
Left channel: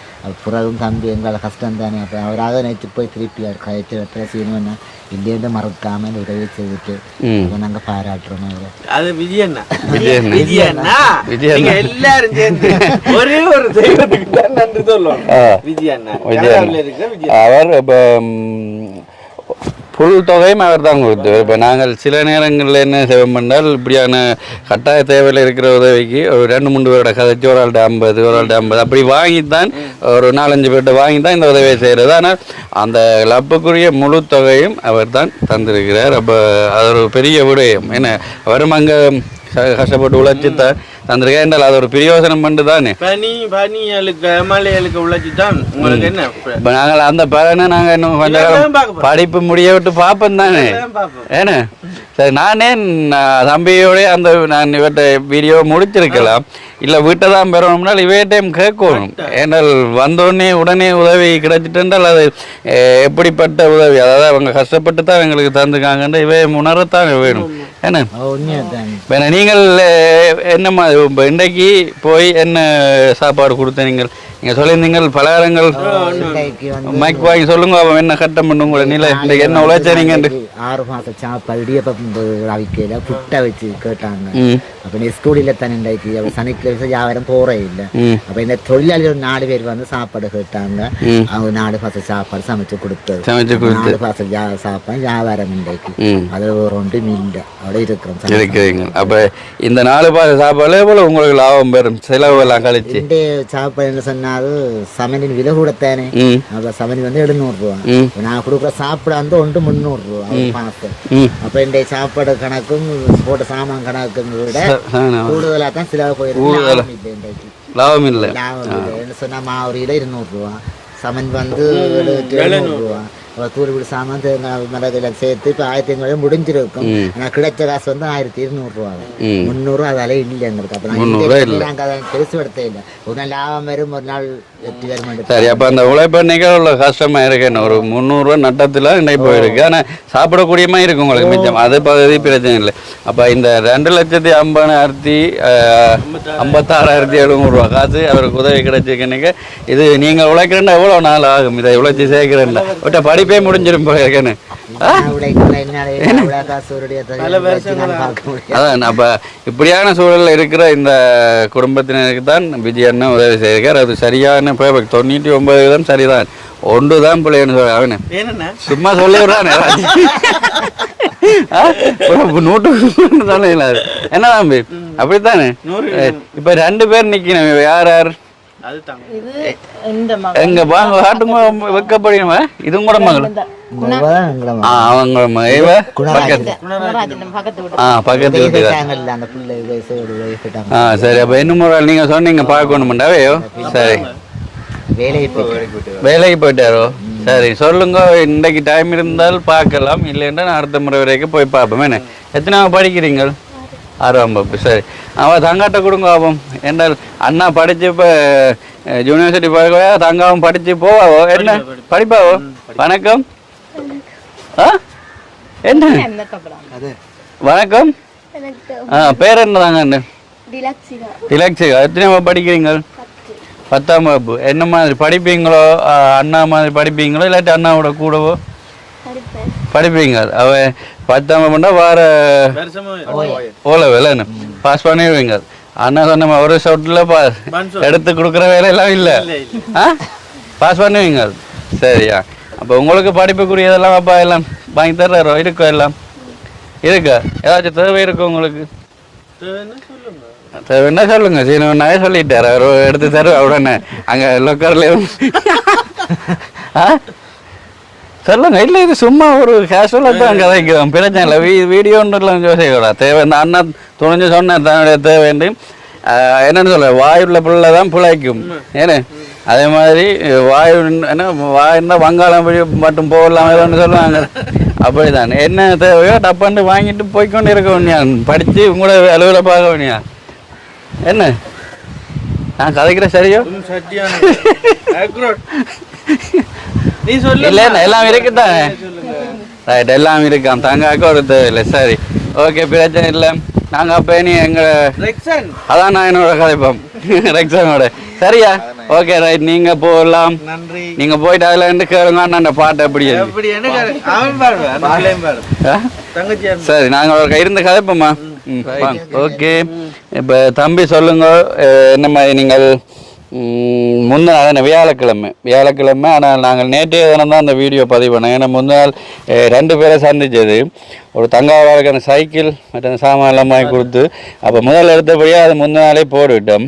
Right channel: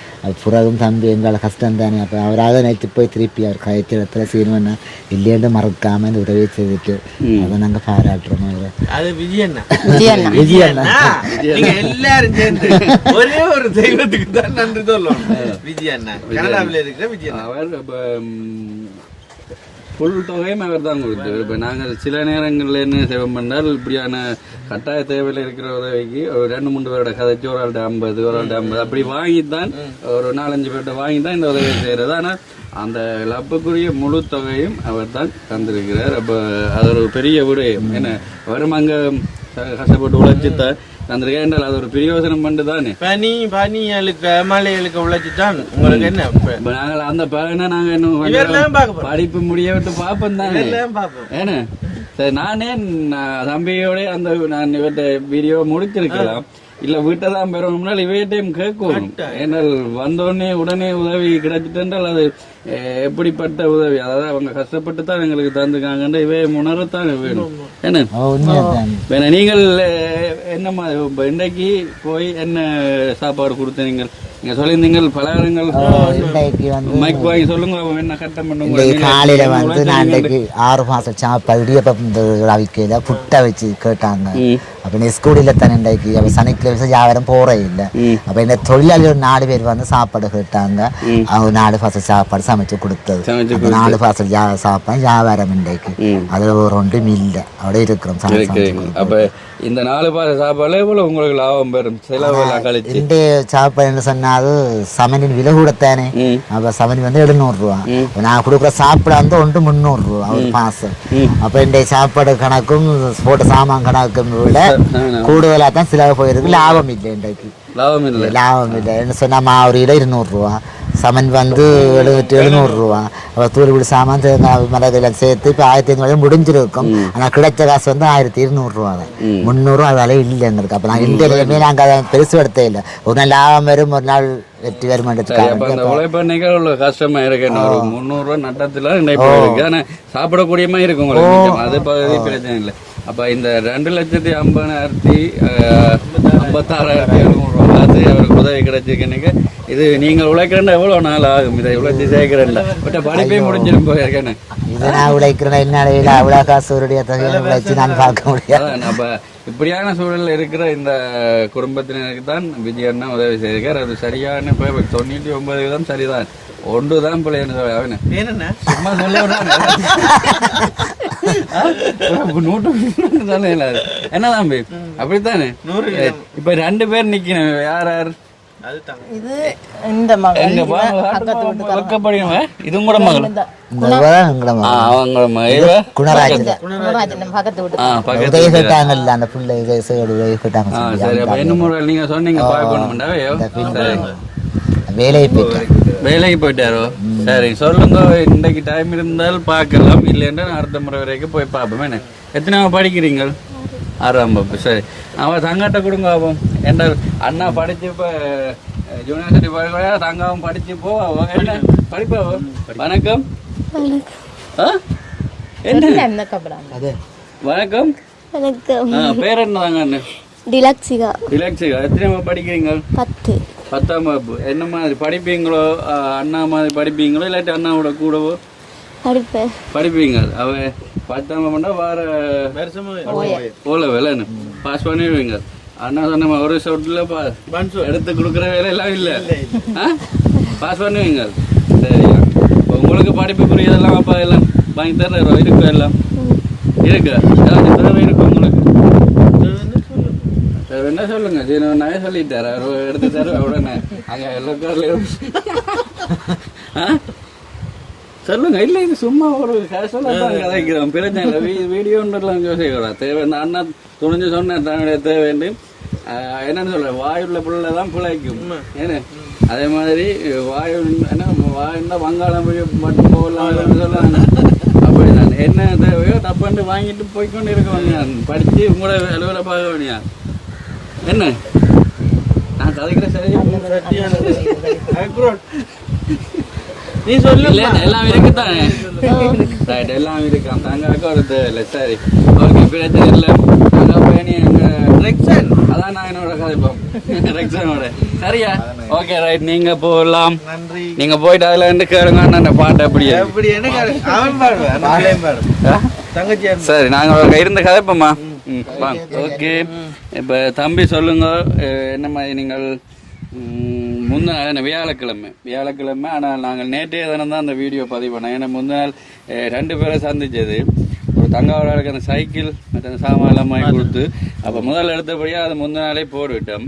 புறாவும் தம்பி எங்களை கஷ்டம் தானே. அப்போ அவராக நேற்று போய் திருப்பி அவர் கதைச்ச இடத்துல செய்யணும்னா இல்லைன்னு மறக்காமல் உதவி செய்துட்டு அதை நாங்கள் பாராட்டுறோம். அவர் புல் தொகையும் அவர் தான் கொடுத்து. இப்போ நாங்கள் சில நேரங்களில் என்ன செய்வோம் பண்ணால் இப்படியான கட்டாய தேவையில் இருக்கிற உதவிக்கு ஒரு 2-3 பேரோட கதைச்சி ஒரு ஆள்கிட்ட 50 ஒரு ஆள்கிட்ட 50 அப்படி வாங்கித்தான் ஒரு 4-5 பேர்கிட்ட வாங்கித்தான் இந்த உதவியை செய்கிறது. ஆனால் அந்த லப்புக்குரிய முழு தொகையும் அவர் தான் தந்திருக்கிறார். அப்போ அது ஒரு பெரிய விடயம். என்ன அவரும் அங்கே கஷ்டப்பட்டு உழைச்சித்தான் தந்திருக்கேன் என்றால் அது ஒரு பிரயோசனம் பண்ணு தானே. இப்போ நாங்கள் அந்த பலனை நாங்கள் இன்னும் படிப்பு முடிய விட்டு பார்ப்போம் தானே. ஏன்னா சரி நானே தம்பியோட அந்த நான் இவற்றை வீடியோ முடிச்சிருக்கலாம். இல்லை வீட்டை தான் பெறணும்னால் இவையிட்டையும் கேட்கணும். ஏன்னால் வந்தோடனே உடனே உதவி கிடைச்சிட்டால் அது எப்படிப்பட்ட உதவி, அதாவது அவங்க கஷ்டப்பட்டு தான் எங்களுக்கு தந்துக்காங்கன்ற இவை உணரத்தான் வேணும். என்ன நீங்கள் என்ன இன்றைக்கு போய் என்ன சாப்பாடு கொடுத்த நீங்கள் சொல்லியிருந்தீங்க பலகாரங்கள் மைக் வாங்கி சொல்லுங்க. அவன் என்ன கட்டம் பண்ணுங்க என்ன உழைச்சீங்க. 6 மாதம் சாப்பாடு புட்டை வச்சு கேட்டாங்க. அப்போ நீ ஸ்கூலில் தானே இன்றைக்கு அப்போ சனிக்கிழமை வியாபாரம் போகிறே இல்லை அப்போ என்ன தொழிலாளர் 4 பேர் வந்து சாப்பாடு கேட்டாங்க அவங்க 4 பாசல் சாப்பாடு சமைச்சு கொடுத்தது 4 பாசல் சாப்பாடு வியாபாரம் இன்றைக்கு அதில் ஒரு ஒன்றும் இல்லை அப்படியே இருக்கிறோம். அப்போ இந்த 4 பாசல் சாப்பாடு எவ்வளோ உங்களுக்கு லாபம் பெறும் செலவெல்லாம் கழிச்சு இந்திய சாப்பாடுன்னு சொன்னாலும் சமனின் விலை கூடத்தானே அப்போ சமன் வந்து 700 ரூபா நான் கொடுக்குற சாப்பாடு வந்து 300 ரூபா ஒரு பாசல் அப்போ இந்த சாப்பாடு கணக்கும் போட்ட சாமான் கணக்கும் விட கூடுதலாக தான் செலவு போயிருக்கு. லாபம் இல்லை இன்றைக்கு லாபம் இல்லை என்ன சொன்னால் மாவு 200 ரூபா சமன் வந்து 700 ரூபா தூர்வீடு சாமான் தேங்காய் மிளகுலாம் சேர்த்து இப்போ 1500 முடிஞ்சிருக்கும் ஆனால் கிடைச்ச காசு வந்து 1200 ரூபா தான் 300 அதால இல்லைன்னு இருக்கு. அப்போ நாங்கள் நாங்கள் அதை பெருசு எடுத்தே இல்லை ஒரு நாள் லாபம் வரும் ஒரு நாள் வெற்றி வரும். சரி அப்போ அந்த உழைப்பண்ணிகள் உள்ள கஷ்டமாக இருக்கு ஒரு 300 ரூபா நட்டத்தில் இன்னைக்கு போயிருக்கு ஆனால் சாப்பிடக்கூடியமா இருக்கு உங்களுக்கு மிச்சம் அது பகுதி பிரச்சனை இல்லை. அப்போ இந்த 2,50,000 56,700 ரூபா காசு அவருக்கு உதவி கிடைச்சிருக்கேன்னு இது நீங்கள் உழைக்கிறேன்னா எவ்வளோ நாள் ஆகும் இதை உழைச்சி சேர்க்கிறேன்னா விட்ட படிப்பே முடிஞ்சிடும் போயிருக்கேன்னு அப்ப இப்படியான சூழல்ல இருக்கிற இந்த குடும்பத்தினருக்கு தான் விஜயண்ணா உதவி செய்கிறார். அது சரியான 99% சரிதான் ஒன்றுதான் பிள்ளைன்னு சொல்ல அவனு சும்மா சொல்லிடுறான் என்ன தம்பி அப்படித்தானே. இப்ப 2 பேர் நிக்கணும் யார் யார் எங்க வைக்கப்படுமா இதுவும் கூட மகள் சரி அப்ப இன்னும் நீங்க சொன்னீங்க பார்க்கணும்டாவே சரி வேலைக்கு போயிட்டாரோ சரி சொல்லுங்க இன்னைக்கு டைம் இருந்தால் பார்க்கலாம் இல்லைன்னா நான் அடுத்த முறை வரைக்கும் போய் பார்ப்போம். என்ன எத்தனாவது படிக்கிறீங்க 6ஆம் வகுப்பு சரி அவன் தங்காட்ட கொடுங்க ஆகும் என்ன அண்ணா படிச்சப்ப யூனிவர்சிட்டி போய் தங்காவும் படிச்சு போவாவோ என்ன படிப்பாவோ. வணக்கம் என்ன வணக்கம் பேர் என்ன தாங்க டிலக்ஷிகா எத்தனை படிக்கிறீங்க 10ஆம் வகுப்பு என்ன மாதிரி படிப்பீங்களோ அண்ணா மாதிரி படிப்பீங்களோ இல்லாட்டி அண்ணாவோட கூடவோ படிப்பீங்க அவ 10ஆம் வகுப்புனா வார ஓல வேலைன்னு பாஸ் பண்ணிடுவீங்க. அண்ணா சொன்ன ஒரு ஷாட்டில் எடுத்து கொடுக்குற வேலையெல்லாம் இல்லை பாஸ் பண்ணுவீங்க சரியா. அப்போ உங்களுக்கு படிப்புக்குரியதெல்லாம் அப்பா எல்லாம் வாங்கி தர்றாரோ இருக்கோ எல்லாம் இருக்கா ஏதாச்சும் தேவை இருக்கும் உங்களுக்கு தேவைன்னா சொல்லுங்க சீனவனாவே சொல்லிட்டார் அவர் எடுத்து தருவா உடனே அங்கே லொக்கர்ல சொல்லுங்க இல்லை இது சும்மா ஒரு கேஷுவலாக தான் கதைக்குதான் பிரச்சனை இல்லை வீடியோன்றலாம் யோசிக்கூடாது தேவை இந்த அண்ணா துணிஞ்சு சொன்னார் தன்னுடைய தேவைன்னு என்னென்னு சொல்ல வாயுள்ள பிள்ளை தான் பிழைக்கும் ஏன்னு அதே மாதிரி வாயு என்ன வாயுன்னா வங்காளம் மட்டும் போகலாம் சொல்லுவாங்க அப்படிதான் என்ன தேவையோ டப்பாண்டு வாங்கிட்டு போய்க்கொண்டு இருக்க வேண்டியான் படித்து உங்களோட அலுவலை பார்க்க வேண்டியான் என்ன நான் கதைக்கிற சரியோ நீ சொல்லு இல்லை எல்லாம் இருக்குதானே ரைட் எல்லாம் இருக்கான் தங்காக்க ஒரு தேவையில்லை சரி ஓகே பிரச்சனை இல்லை நாங்கள் அப்போ நீ எங்கள் அதான் நான் என்னோட கதைப்போம் ரெக்ஸனோட சரியா ஓகே ரைட் நீங்கள் போகலாம் நன்றி நீங்கள் போயிட்டு அதில் இருந்து கேளுங்க அந்த பாட்டு அப்படியே சரி நாங்கள் இருந்து கதைப்போம்மா ஓகே இப்போ தம்பி சொல்லுங்க என்ன மாதிரி நீங்கள் முந்தின அதான் வியாழக்கிழமை ஆனால் நாங்கள் நேற்றைய தினம் தான் அந்த வீடியோ பதிவு பண்ணோம். ஏன்னா முந்தின நாள் 2 பேரை சந்திச்சது ஒரு தங்காவாளுக்கு அந்த சைக்கிள் மற்ற சாமான் எல்லாம் வாங்கி கொடுத்து அப்போ முதல் எடுத்தபடியாக அது முந்தின நாளே போட்டுவிட்டோம்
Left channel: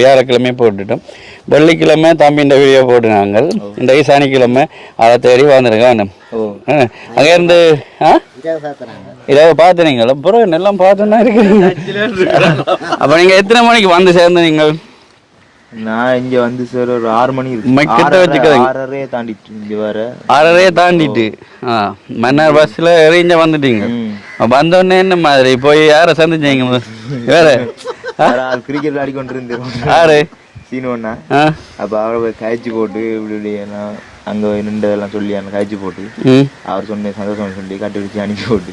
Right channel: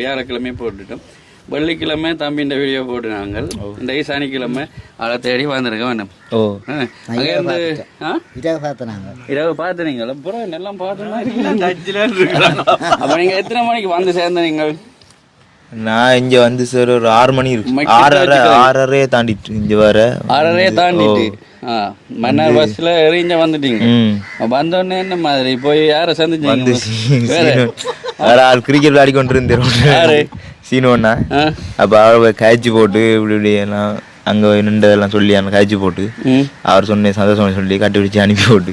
வியாழக்கிழமையே போட்டுவிட்டோம். வெள்ளிக்கிழமை தம்பின்ற வீடியோ போட்டு நாங்கள் இந்த சனிக்கிழமை அதை தேடி வந்துருங்க வேணும் அங்கேருந்து இதாவது பார்த்துனீங்களா அப்புறம் எல்லாம் பார்த்துன்னா இருக்கீங்க. அப்போ நீங்கள் எத்தனை மணிக்கு வந்து சேர்ந்து நீங்கள் நான் இங்க வந்து சார் ஒரு 6 மணி இருக்கு 6:30 தாண்டிட்டு இங்க வர 6:30 தாண்டிட்டு மன்னார் பஸ்ல இறங்கி வந்துட்டீங்க. வந்தோடனே என்ன மாதிரி போய் யாரை சந்திச்சீங்க வேற ஆள் கிரிக்கெட் விளையாடி கொண்டு இருந்தேன் யாரு சீனோன்னா அப்ப அவ காய்ச்சி போட்டு இப்படி இப்படி எல்லாம் அங்க நின்றதெல்லாம் சொல்லி அந்த காய்ச்சி போட்டு அவர் சொன்ன சந்தோஷம் சொல்லி கட்டி பிடிச்சி அனுப்பி போட்டு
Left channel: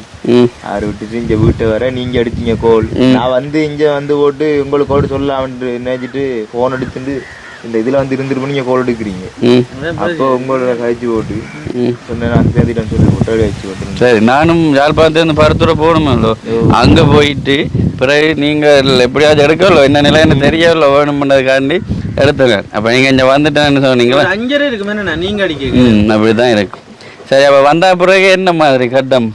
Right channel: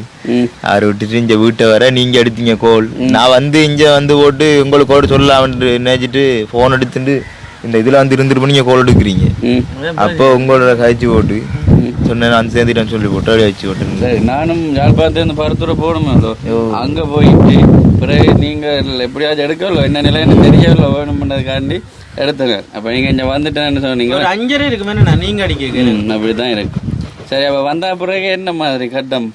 அவர் விட்டுட்டு இங்க வீட்டை வர நீங்க எடுத்தீங்க கோல் நான் வந்து இங்க வந்து போட்டு உங்களுக்கு கோடு சொல்லலாம்னு நினைச்சிட்டு போன் எடுத்துட்டு இந்த இதுல வந்து இருந்துட்டு நீங்க கோல் எடுக்கிறீங்க அப்போ உங்களோட காய்ச்சி போட்டு சொன்னேன் நான் சேர்ந்துட்டேன்னு சொல்லி போட்டு வச்சு போட்டு சரி நானும் யாழ்ப்பாணத்துல இருந்து பருத்துறை போகணுமா அங்க போயிட்டு பிறகு நீங்கள் எப்படியாவது எடுக்கல என்ன நிலைன்னு தெரியல வேணும்ன்றதுக்காண்டி எடுத்துங்க. அப்போ நீங்கள் இங்கே வந்துட்டேன்னு சொன்னீங்களா 5:30 இருக்குமே நீங்கள் அடிக்க அப்படி தான் இருக்கும். சரி, அப்போ வந்த பிறகு என்ன மாதிரி கட்டம்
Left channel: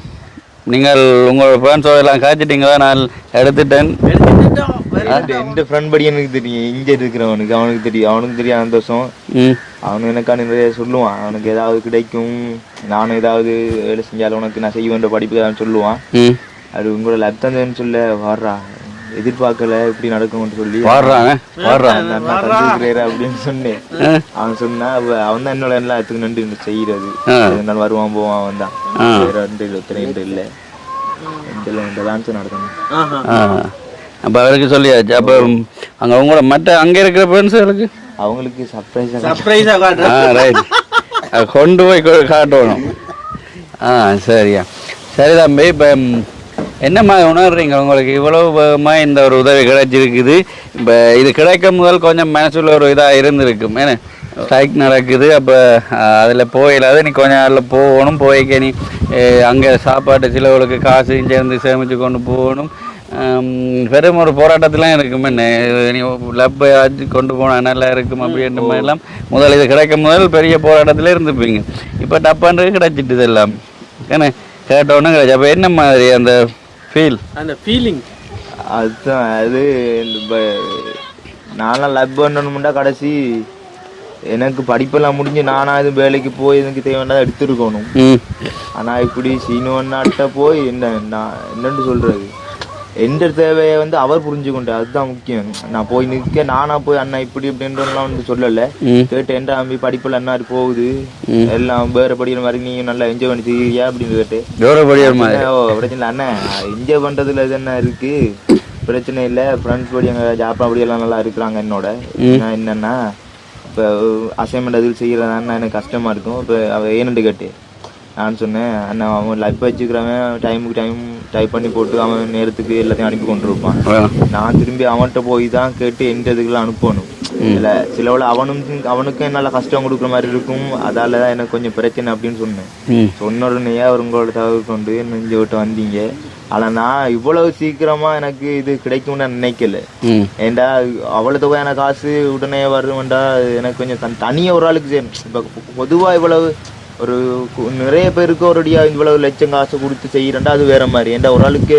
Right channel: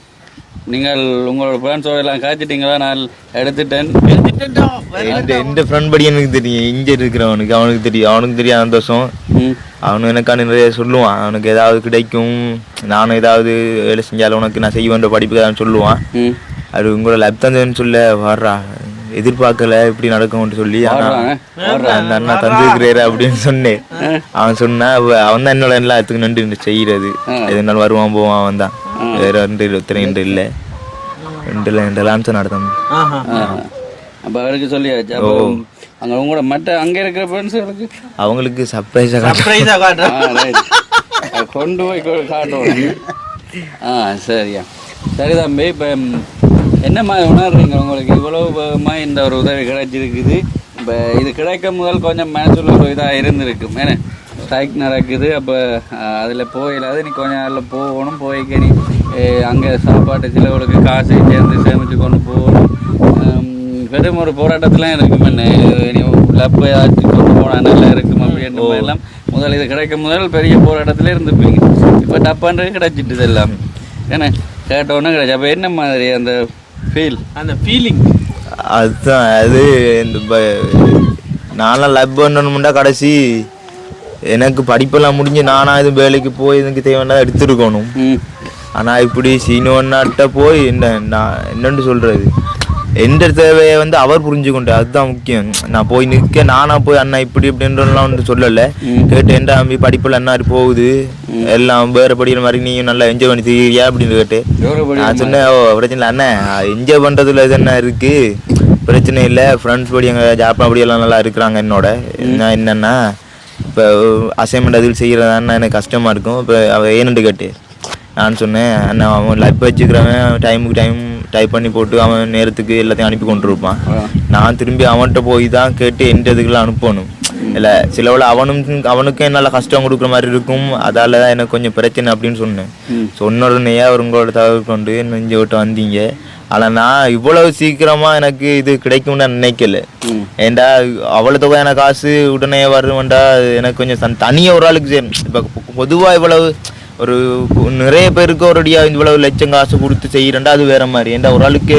நீங்கள் உங்களோட ஃப்ரெண்ட்ஸோட எல்லாம் காய்ச்சிட்டீங்களா? நான் எடுத்துட்டேன். எந்த ஃப்ரெண்ட் படி எனக்கு தெரியும், இங்கே இருக்கிறவனுக்கு அவனுக்கு தெரியும் சந்தோஷம். அவனு எனக்கான நிறைய சொல்லுவான், அவனுக்கு ஏதாவது கிடைக்கும், நானும் ஏதாவது வேலை செஞ்சாலும் உனக்கு நான் செய்ய வேண்டிய படிப்புக்கு தான் சொல்லுவான். அது உங்களோட லேப் தான் சொல்ல வர்றா, எதிர்பார்க்கல இப்படி நடக்கும்னு சொல்லி அந்த அண்ணா தந்துருக்கிறாரு அப்படின்னு சொன்னேன். அவன் சொன்னா அவன் தான் என்னோட எல்லாத்துக்கும் நன்றி செய்யறது. எதுனாலும் வருவான் போவான், அவன் தான். வேற 2 இல்லை 2 லான்ஸ் நடத்தணும். அப்போ அவருக்கு சொல்லியாச்சு. அப்போ அங்கே உங்களோட மற்ற அங்கே இருக்கிற ஃப்ரெண்ட்ஸுகளுக்கு அவங்களுக்கு சர்ப்ரைஸாக ரைட் கொண்டு போய் காட்டணும். சரியா, சரி தம்பி. இப்போ என்னம்மா உணர்றீங்க? உங்களுக்கு இவ்வளவுமா இந்த ஒரு உதவி கிடைச்சிருக்குது. இப்போ இது கிடைக்கும் முதல் கொஞ்சம் மனசுல ஒரு இதாக இருந்திருக்கும். ஏன்னா ஸ்ட்ரைக் நடக்குது, அப்போ அதில் போயிடாது, நீ கொஞ்சம் நாளில் போகணும், போய்க்க நீ அங்கே சாப்பாட்டு சிலவுகளுக்கு காசு சேர்ந்து சேமித்து கொண்டு போகணும். பெரும் ஒரு போராட்டத்திலாம் இருக்குமே, நீ லப்பை ஆற்றி கொண்டு போனால் நல்லா இருக்கும் அப்படின்ற மாதிரிலாம் முதல் இது கிடைக்கும் முதல் பெரிய போராட்டத்தில் இருந்துப்பீங்க. இப்போ டப்பான்றது கிடைச்சிட்டு எல்லாம் ஏன்னா கேட்டோன்னு கிடைச்சி. அப்போ என்ன மாதிரி அந்த ஃபீலிங் அதுதான். அது நானும் லப் பண்ணணும்னா கடைசி எனக்கு படிப்பெல்லாம் முடிஞ்சு நானா இது வேலைக்கு போய் எனக்கு தேவையான எடுத்துருக்கணும். ஆனால் இப்படி சீனோன்னாட்ட போய் என்னன்னு சொல்றது, எந்த தேவையை அவர் புரிஞ்சுக்கொண்டு, அதுதான் முக்கியம். நான் போய் நிற்க நானா போய் அண்ணா இப்படி இப்படின்றலாம் வந்து சொல்லலை. கேட்டு எந்த தம்பி படிப்பில் என்ன போகுது எல்லாம் வேறு படிக்கிற மாதிரி நீயும் நல்லா என்ஜாய் பண்ணி செய்யறியா அப்படின்னு கேட்டேன். பிரச்சனை இல்லை அண்ணன், என்ஜாய் பண்ணுறதுல இது என்ன இருக்கு, பிரச்சனை இல்லை. ஃப்ரெண்ட்ஸ் படி எங்கள் ஜாப்பா படியெல்லாம் நல்லா இருக்கிறாங்க என்னோட. என்னன்னா இப்போ அசைன்மெண்ட் அதில் செய்கிறதான்னா எனக்கு கஷ்டமாக இருக்கும். இப்போ அவள் ஏன்னு கேட்டு நான் சொன்னேன், அண்ணா அவன் லைஃப் வச்சுக்கிறவன் டைமுக்கு டைம் டைப் பண்ணி போட்டு அவன் நேரத்துக்கு எல்லாத்தையும் அனுப்பி கொண்டு இருப்பான். நான் திரும்பி அவன்கிட்ட போய் தான் கேட்டு எந்த இதுக்கெல்லாம் அனுப்பணும். இல்லை சிலவில் அவனுக்கும் என்னால் கஷ்டம் கொடுக்குற மாதிரி இருக்கும். அதால தான் எனக்கு கொஞ்சம் பிரச்சனை அப்படின்னு சொன்னேன். சொன்ன உடனே அவர் உங்களோட தகவல் கொண்டு நெஞ்ச விட்டு வந்தீங்க. ஆனால் நான் இவ்வளவு சீக்கிரமாக எனக்கு இது கிடைக்கும்னு நான் நினைக்கல. ஏண்டா அவ்வளோ தொகை எனக்கு காசு உடனே வருவேன்டா எனக்கு கொஞ்சம் தனியாக ஒரு ஆளுக்கு இப்போ பொதுவாக இவ்வளவு ஒரு நிறைய பேருக்கு ஒருடியாக இவ்வளவு லட்சம் காசு கொடுத்து செய்கிறேன்டா அது வேற மாதிரி. ஏன்டா ஒரு ஆளுக்கு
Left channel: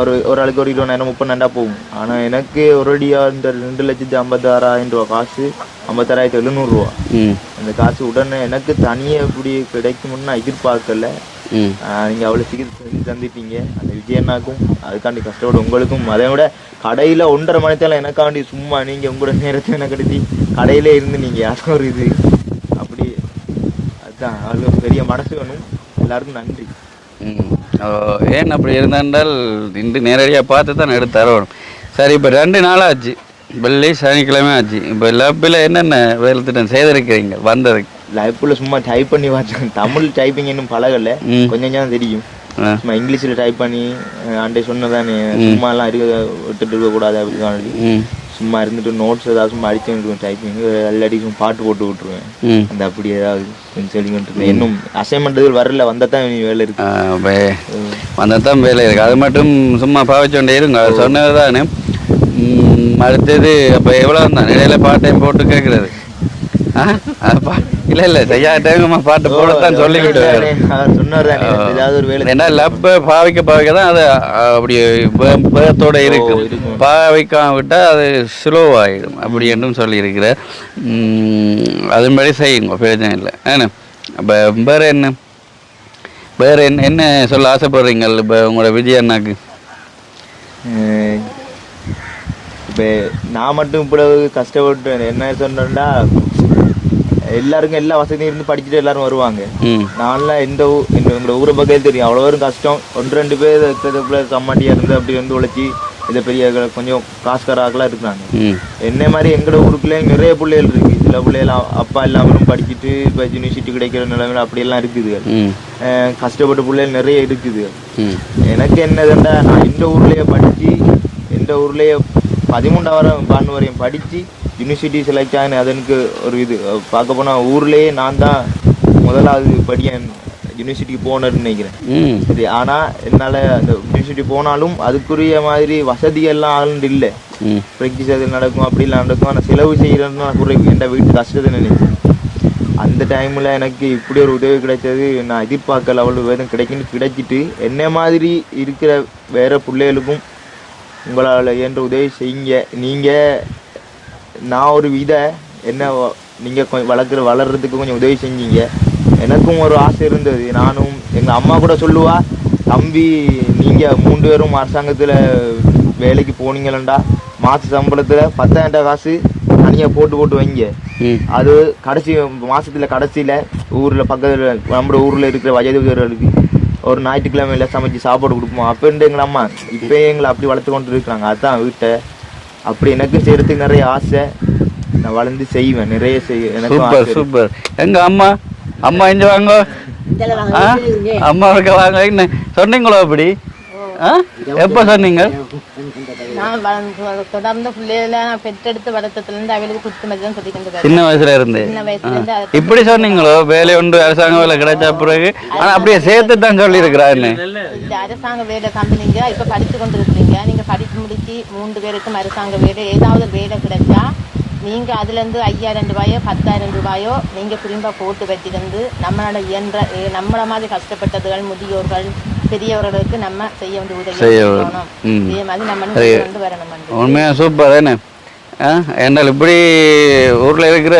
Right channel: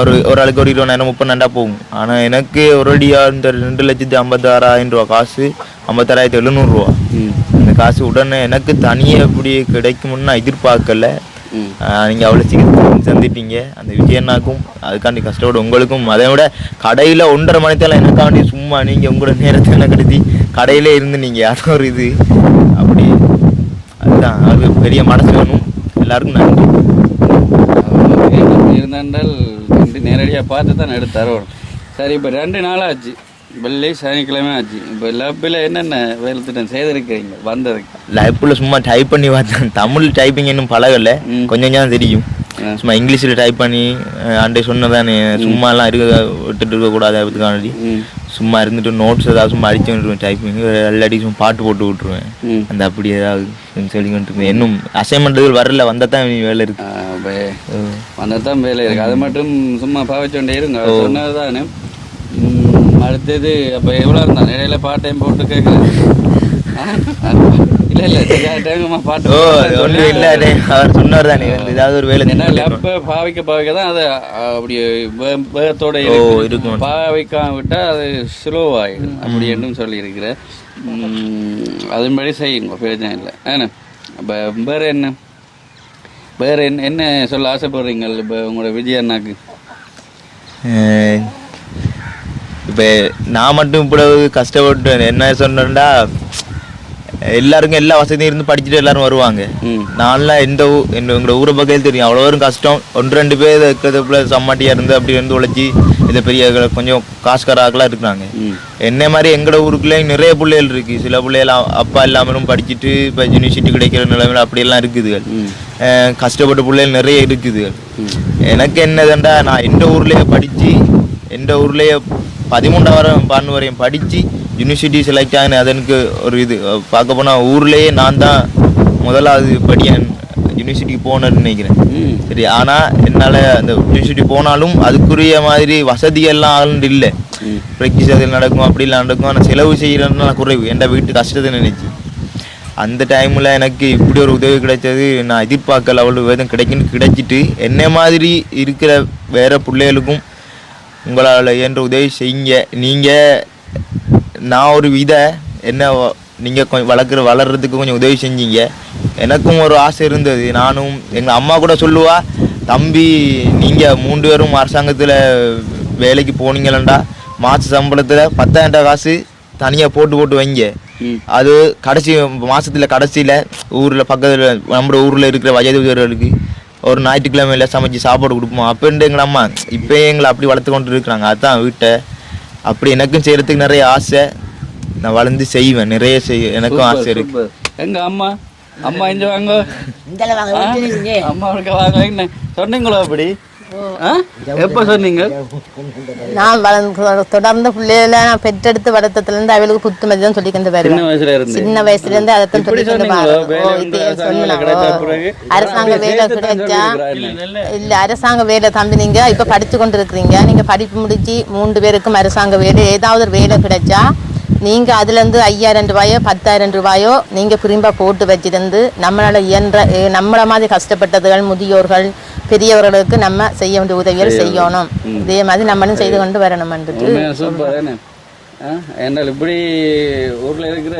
ஒரு 20,000 30,000 போகும். ஆனால் எனக்கு ஒருடியாக இந்த 2,56,000 ரூபா காசு 56,700 ரூபா. இந்த காசு உடனே எனக்கு தனியாக எப்படி கிடைக்கும்னு நான் எதிர்பார்க்கல. நீங்கள் அவ்வளோ சீக்கிரம் சந்திட்டீங்க. அந்த விஜயண்ணாக்கும் அதுக்காண்டி கஷ்டப்பட உங்களுக்கும். அதை விட கடையில் 1.5 மணித்தெல்லாம் எனக்காண்டி சும்மா நீங்கள் உங்களோட நேரத்தை எனக்கு எடுத்து கடையிலே இருந்து நீங்கள் அது ஒரு இது அப்படி அதுதான். அது பெரிய மனசு வேணும். எல்லாருக்கும் நன்றி. ஏன் அப்படி இருந்தால் இன்று நேரடியாக பார்த்து தான் எடுத்து தரணும். சரி, இப்போ 2 நாளாச்சு, வெள்ளி சனிக்கிழமை ஆச்சு. இப்போ லேப்பில் என்னென்ன வேலை திட்டம் செய்திருக்கிறீங்க வந்ததுக்கு? லேப்பில் சும்மா டைப் பண்ணி பார்த்தேன். தமிழ் டைப்பிங் இன்னும் பழகலை, கொஞ்சம் கொஞ்சம் தெரியும். சும்மா இங்கிலீஷில் டைப் பண்ணி அண்டை சொன்னதானே, சும்மாலாம் விட்டுட்டு இருக்கக்கூடாது. அதுக்காண்டி சும்மா இருந்துட்டு நோட்ஸ் ஏதாவது சும்மா அடிச்சுட்டு டைப்பிங் எல்லாடி சும்மா பாட்டு போட்டு விட்டுருவேன். அந்த அப்படி ஏதாவது சொல்லிக்கிட்டு இருக்கேன். இன்னும் அசைன்மெண்ட் வரல, வந்தால் தான் வேலை இருக்கு. வந்தால் தான் வேலை இருக்கு. அது மட்டும் சும்மா பாவிச்சோண்டே இருங்க. அது சொன்னது தானே. அடுத்தது அப்போ எவ்வளோ தான் இடையில பார்ட் டைம் போட்டு கேட்குறது? இல்லை செய்யா டைம் பாட்டு சொல்லி சொன்னார் தானே ஏதாவது ஒரு வேலை. ஏன்னா லப்பை பாவிக்க தான் அது அப்படி வேகத்தோட இருக்கும். பாவிக்காம விட்டால் அது ஸ்லோவாகிடும் அப்படி என்றும் சொல்லியிருக்கிற. அதன்படி செய்யுங்க, பிரச்சனை இல்லை. ஏன்னா அப்போ வேறு என்ன சொல்ல ஆசைப்படுறீங்க இப்போ உங்களோட விஜய் அண்ணாக்கு? இப்போ நான் மட்டும் இவ்வளவு கஷ்டப்பட்டு என்ன சொன்னேன்டா, எல்லாருக்கும் எல்லா வசதியும் இருந்து படிச்சுட்டு எல்லாரும் வருவாங்க. நான்லாம் எங்களோட ஊரை பக்கம் தெரியும், அவ்வளோ ஒரு கஷ்டம். 1-2 பேர் இருக்கிறதுக்குள்ள சம்மாட்டியாக இருந்து அப்படி இருந்து உழைச்சி இதை பெரிய கொஞ்சம் காசுக்காராக்கெல்லாம் இருக்கிறாங்க. என்ன மாதிரி எங்களோட ஊருக்குள்ளே நிறைய பிள்ளைகள் இருக்குது. சில பிள்ளைகள் அப்பா இல்லாமலும் படிச்சுட்டு இப்போ யூனிவர்சிட்டி கிடைக்கிற நிலைமையில் அப்படியெல்லாம் இருக்குது. கஷ்டப்பட்ட பிள்ளைகள் நிறைய இருக்குது. எனக்கு என்னதுண்டா, நான் இந்த ஊர்லேயே படித்து இந்த ஊர்லேயே 13ஆம் வரையும் படித்து யூனிவர்சிட்டி செலக்ட் ஆகினேன். அது எனக்கு ஒரு இது பார்க்க போனால் ஊர்லேயே நான் தான் முதலாவது படியன் யூனிவர்சிட்டிக்கு போனேன்னு நினைக்கிறேன். சரி, ஆனால் என்னால் அந்த யூனிவர்சிட்டி போனாலும் அதுக்குரிய மாதிரி வசதியெல்லாம் ஆளுண்டு இல்லை. ப்ராக்டிஸ் அதில் நடக்கும், அப்படிலாம் நடக்கும். ஆனால் செலவு செய்கிறதுனால குறைவு. என் வீட்டு கஷ்டத்தை நினைச்சேன். அந்த டைமில் எனக்கு இப்படி ஒரு உதவி கிடைச்சது நான் எதிர்பார்க்கல. அவ்வளோ வேதம் கிடைச்சிட்டு என்ன மாதிரி இருக்கிற வேறு பிள்ளைகளுக்கும் உங்களால் என்ற உதவி செய்யுங்க. நீங்கள் நான் ஒரு என்ன நீங்கள் கொஞ்சம் வளர்கிறதுக்கு கொஞ்சம் உதவி செஞ்சீங்க. எனக்கும் ஒரு ஆசை இருந்தது. நானும் எங்கள் அம்மா கூட சொல்லுவா, தம்பி நீங்கள் 3 பேரும் அரசாங்கத்தில் வேலைக்கு போனீங்களா மாத சம்பளத்தில் 10,000 காசு தனியாக போட்டு வைங்க. அது கடைசி மாதத்தில் கடைசியில் ஊரில் பக்கத்தில் நம்ம ஊரில் இருக்கிற வயதுகளுக்கு ஒரு ஞாயிற்றுக்கிழமையில் சமைச்சு சாப்பாடு கொடுப்போம். அப்படின்ட்டு எங்கள் அம்மா இப்போ எங்களை அப்படி வளர்த்து கொண்டு இருக்கிறாங்க. அதுதான் வீட்டை அப்படி எனக்கும் செய்கிறதுக்கு நிறைய ஆசை. நான் வளர்ந்து செய்வேன், நிறைய எனக்கும் ஆசை இருக்கு. எங்க அம்மா இங்க வாங்க, அம்மா இருக்க வாங்க. என்ன சொன்னீங்களோ அப்படி? எப்ப சொன்னீங்க? நான் தொடர்ந்து பிள்ளைகளை நான் பெற்றெடுத்து வளர்த்ததுலேருந்து அவளுக்கு புத்துமதி தான் சொல்லிக்கிட்டு வரேன். சின்ன வயசுல இருந்து அதை இப்படி சொன்னீங்களோ? வேலை உண்டு, அரசாங்க வேலை கிடைச்ச பிறகு அப்படியே சேர்த்து தான் சொல்லி இருக்கிறாரு. இல்ல, அரசாங்க வேலை தம்பி நீங்க இப்ப படிச்சு கொண்டு இருக்கிறீங்க. நீங்க படிப்பு முடிச்சு 3 பேருக்கும் அரசாங்க வேலை ஏதாவது ஒரு வேலை கிடைச்சா நீங்க அதுல இருந்து 5,000 ரூபாயோ 10,000 ரூபாயோ நீங்க திரும்ப போட்டு வச்சிருந்து நம்மளால இயன்ற நம்மள மாதிரி கஷ்டப்பட்டதுகள் முதியோர்கள் பெரியவர்களுக்கு நம்ம செய்ய வேண்டிய உதவிகள் செய்யணும். இதே மாதிரி நம்மளும் செய்து கொண்டு வரணும். சூப்பர். என்ன இப்படி ஊர்ல இருக்கிற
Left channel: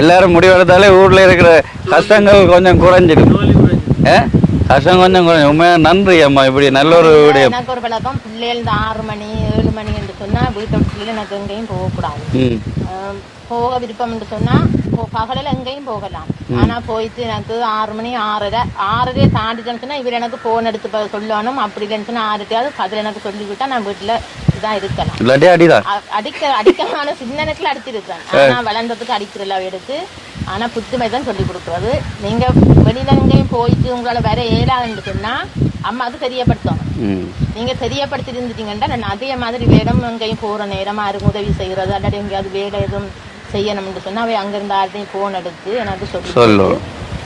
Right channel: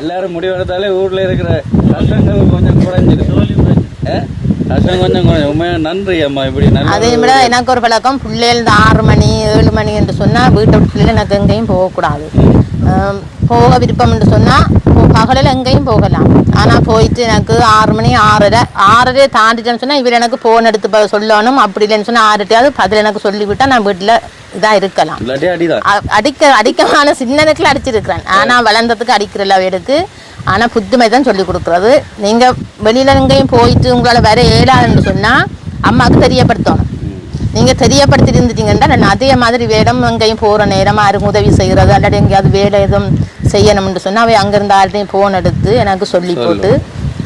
எல்லாரும் முடிவெடுத்தாலே ஊர்ல இருக்கிற கஷ்டங்கள் கொஞ்சம் குறைஞ்சிடும். கஷ்டம் கொஞ்சம் குறைஞ்சிடும். உண்மையா நன்றி அம்மா. இப்படி நல்ல எனக்கு ஒரு பழக்கம், பிள்ளைகள் 6 மணி 7 மணி என்று சொன்னா வீட்டை பிள்ளைகள் எனக்கு எங்கேயும் போகக்கூடாது. போக விருப்பம் என்று சொன்னா பகலில் எங்கேயும் போகலாம். ஆனா போயிட்டு எனக்கு 6 மணி 6:30 தாண்டிட்டேன்னு சொன்னா இவர் எனக்கு போன் எடுத்து சொல்லணும். அப்படி இல்லைன்னு சொன்னா 6:10 பதில் எனக்கு சொல்லிவிட்டா நான் வீட்டுல இதா இருக்கலாம். அடிக்கமான சின்னனுக்குள்ள அடிச்சிருக்கிறேன். ஆனா வளர்ந்ததுக்கு அடிக்கிறல அவருக்கு. ஆனா புத்துமை தான் சொல்லி கொடுக்குறது. நீங்க வெளியில எங்கேயும் போயிட்டு உங்களால வேற ஏழான்னு சொன்னா அம்மாவுக்கு தெரியப்படுத்தணும். நீங்க தெரியப்படுத்தி இருந்துட்டீங்கன்னா நான் அதே மாதிரி வேடம் எங்கேயும் போற நேரமா யாருக்கும் உதவி செய்யறது அல்லது எங்கேயாவது வேலை எதுவும் செய்யணும்னு சொன்னா அவை அங்கிருந்து யார்ட்டையும் போன் எடுத்து எனக்கு சொல்லி போட்டு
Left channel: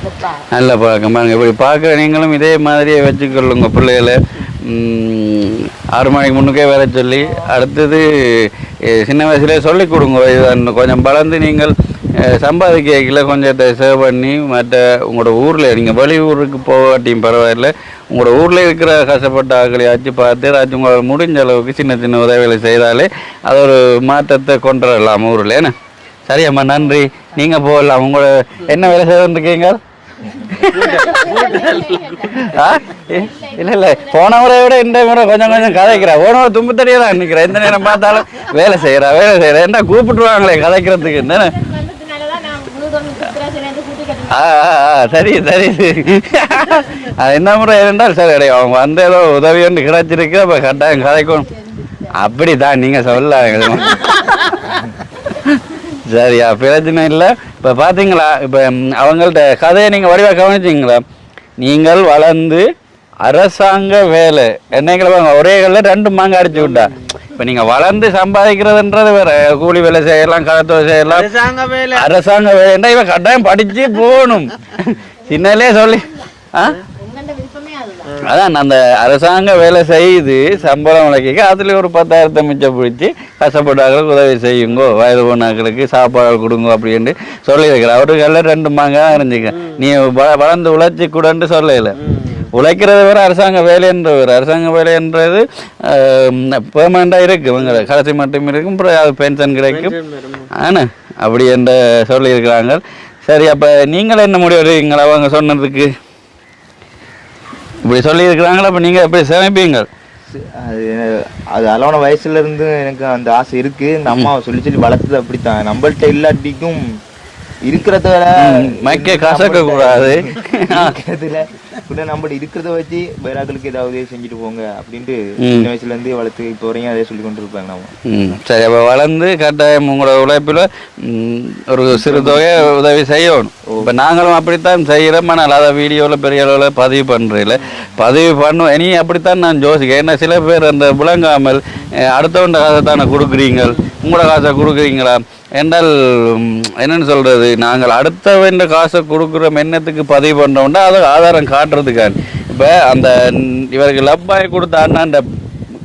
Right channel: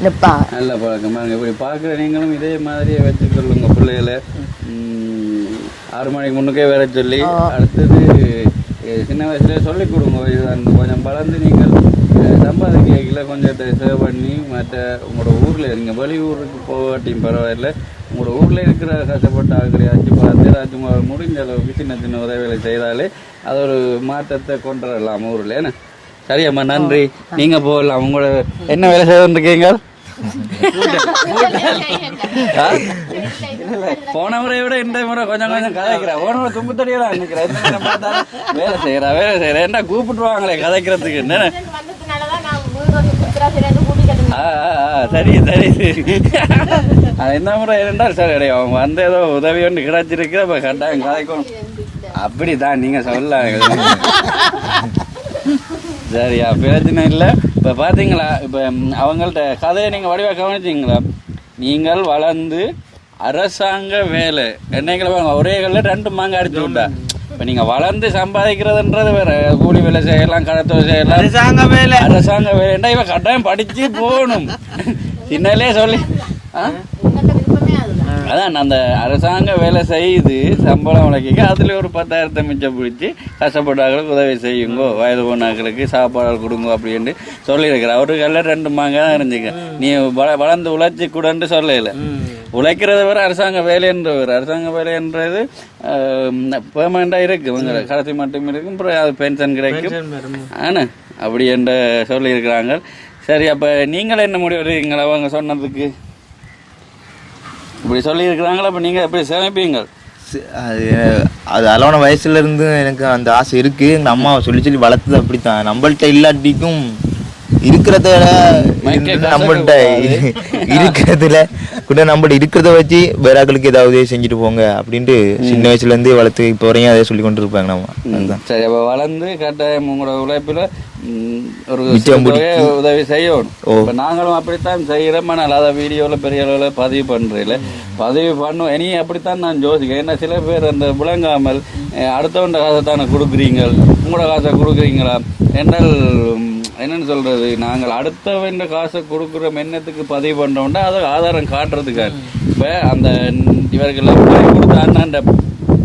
நிற்பா. நல்ல பழக்கம். இப்படி பார்க்குற நீங்களும் இதே மாதிரியே வச்சுக்கொள்ளுங்க. பிள்ளைகளை 6 மணிக்கு முன்னுக்கே வேற சொல்லி அடுத்தது சின்ன வயசுலேயே சொல்லிக் கொடுங்க. கொஞ்சம் வளர்ந்து நீங்கள் சம்பாதிக்கல கொஞ்சத்தை சேவ் பண்ணி மற்ற உங்களோட ஊரில் நீங்கள் வெளியூருக்கு போகாட்டியும் பரவாயில்லை, உங்களோட ஊரில் இருக்கிற கஷ்டப்பட்ட ஆக்களை ஆச்சு பார்த்து ஏதாச்சும் உங்களால் முடிஞ்ச அளவுக்கு சின்ன சின்ன உதவிகளை செய்தாலே அது ஒரு மாற்றத்தை கொண்டு வரலாம் ஊரில். என்ன சரியம்மா, நன்றி. நீங்கள் போகலாம். உங்களோட என்ன வேலை செய்துருக்கீங்க? இல்லை போன முறையை விட இந்த முறை கொஞ்சம் கதைக்கிறா. போன முறை தும்பு தடியாக தான் நிற்கிறேன். எந்த நேரம் பார்த்தாலும் வேலை செய்கிறேன். என்ன கூப்பிட்டுருவாங்களே கதைக்கிறதுக்கு. என்ன சரி அது என்ன முறை இருந்தால் சரி அடையும். அவங்க வந்த ஏதோ உதவி ஒன்று கிடைச்சிருக்கு, அப்போ கட்டாயம் கதைக்கணும். அப்படிதான் நீங்கள் சொல்லலாம். சரியா, பிரச்சனை இல்லை. இப்போ பார்த்தீங்களா, இப்போ அவங்கள்ட்ட கதையை நீங்கள் வடிவாக கவனிச்சிங்களா? நீங்கள் வளர்ந்து அரசாங்க வேலை என்னைக்கு ஒரே கல்ல 2 மாங்க அடிச்சு விட்டா. இப்போ நீங்கள் வளர்ந்து சம்பாதிக்கிறதுன்றது வேற, கூலி வேலை செய்யலாம், களத்தொழில் செய்யலாம். அரசாங்க வேலை இவன் கட்டாயம் படிச்சு போகணும். சின்னலே சொல்லி அதான் அந்த அரசாங்க வேலை செய்து சம்பளம் வழக்கிக்க அதில் ஒரு 10,000 மிச்சம் பிடிச்சி கஷ்டப்பட்டாக்களுக்கு உதவி செய்யுங்கோ, வயது போனாக்களுக்கு சாப்பாடு கொடுங்க அப்படின்னு சொல்லியிருக்கிறேன். அவருக்கெல்லாம் 2 மாங்க தான் இருந்துக்க. நீ வளர்ந்து உழைச்சி கூடன்னு சொல்லல. உழைக்கிறது வேறு, அரசாங்க வேலைன்றது வேறு. அரசாங்க வேலைன்றது பெர்மனண்டாக இருக்குது. இவங்க கடைசி மட்டும் இருக்கும், அப்புறம் அது பென்ஷன் கிடைக்கும். ஆனால் அப்படி என்று சொல்லியிருக்கிறாங்க. சரி, அப்போ நீங்கள் என்ன முடிவு எடுக்கிறீங்களா அவங்க சொன்னதுக்கு? இப்படி சொல்லியிருக்கிறாங்களா, அப்போ நீங்கள் எப்படி சேமிப்பீங்க? அது அளவான வயசுலேருந்து எனக்கு அந்த ஆசை இருக்குது. இந்த அம்மா சொல்லி வளர்த்தது அப்படித்தான். நம்மள்கிட்ட இல்லாட்டிக்கும் இருக்கிறத இருக்கிறதுல கூட நம்மள்ட்ட இருக்கிறத வச்சு வேற ஆக்களுக்கு ஏதாவது செஞ்சுட்டு போங்க அப்படின்ட்டு சின்ன வயசுலேருந்தே வளர்த்து இப்போ வரையும் அதை சொல்லி கொண்டு இருப்பாங்க நம்ம. சரி, அப்போ வளர்ந்து கட்டாயம் உங்களோட உழைப்பில் ஒரு சிறு தொகையை உதவி செய்யணும். இப்போ நாங்களும் அப்படித்தான் செய்கிறோம். ஆனால் அதை வீடியோவில் பெரிய அளவில் பதிவு பண்ணுவோம். இனி அப்படித்தான் நான் யோசிக்கிறேன். ஏன்னா சில பேர் அந்த விளங்காமல் அடுத்தவண்ட காசை தானே கொடுக்குறீங்க, உங்களோட காசை கொடுக்குறீங்களா என்றால் என்னன்னு சொல்றது, நாங்கள் அடுத்தவன் காசை கொடுக்குற எண்ணத்துக்கு பதிவு பண்றோம்னா அதை ஆதாரம் காட்டுறதுக்காக. இப்போ அந்த இவருக்கு லப்பாய் கொடுத்த அண்ணாண்ட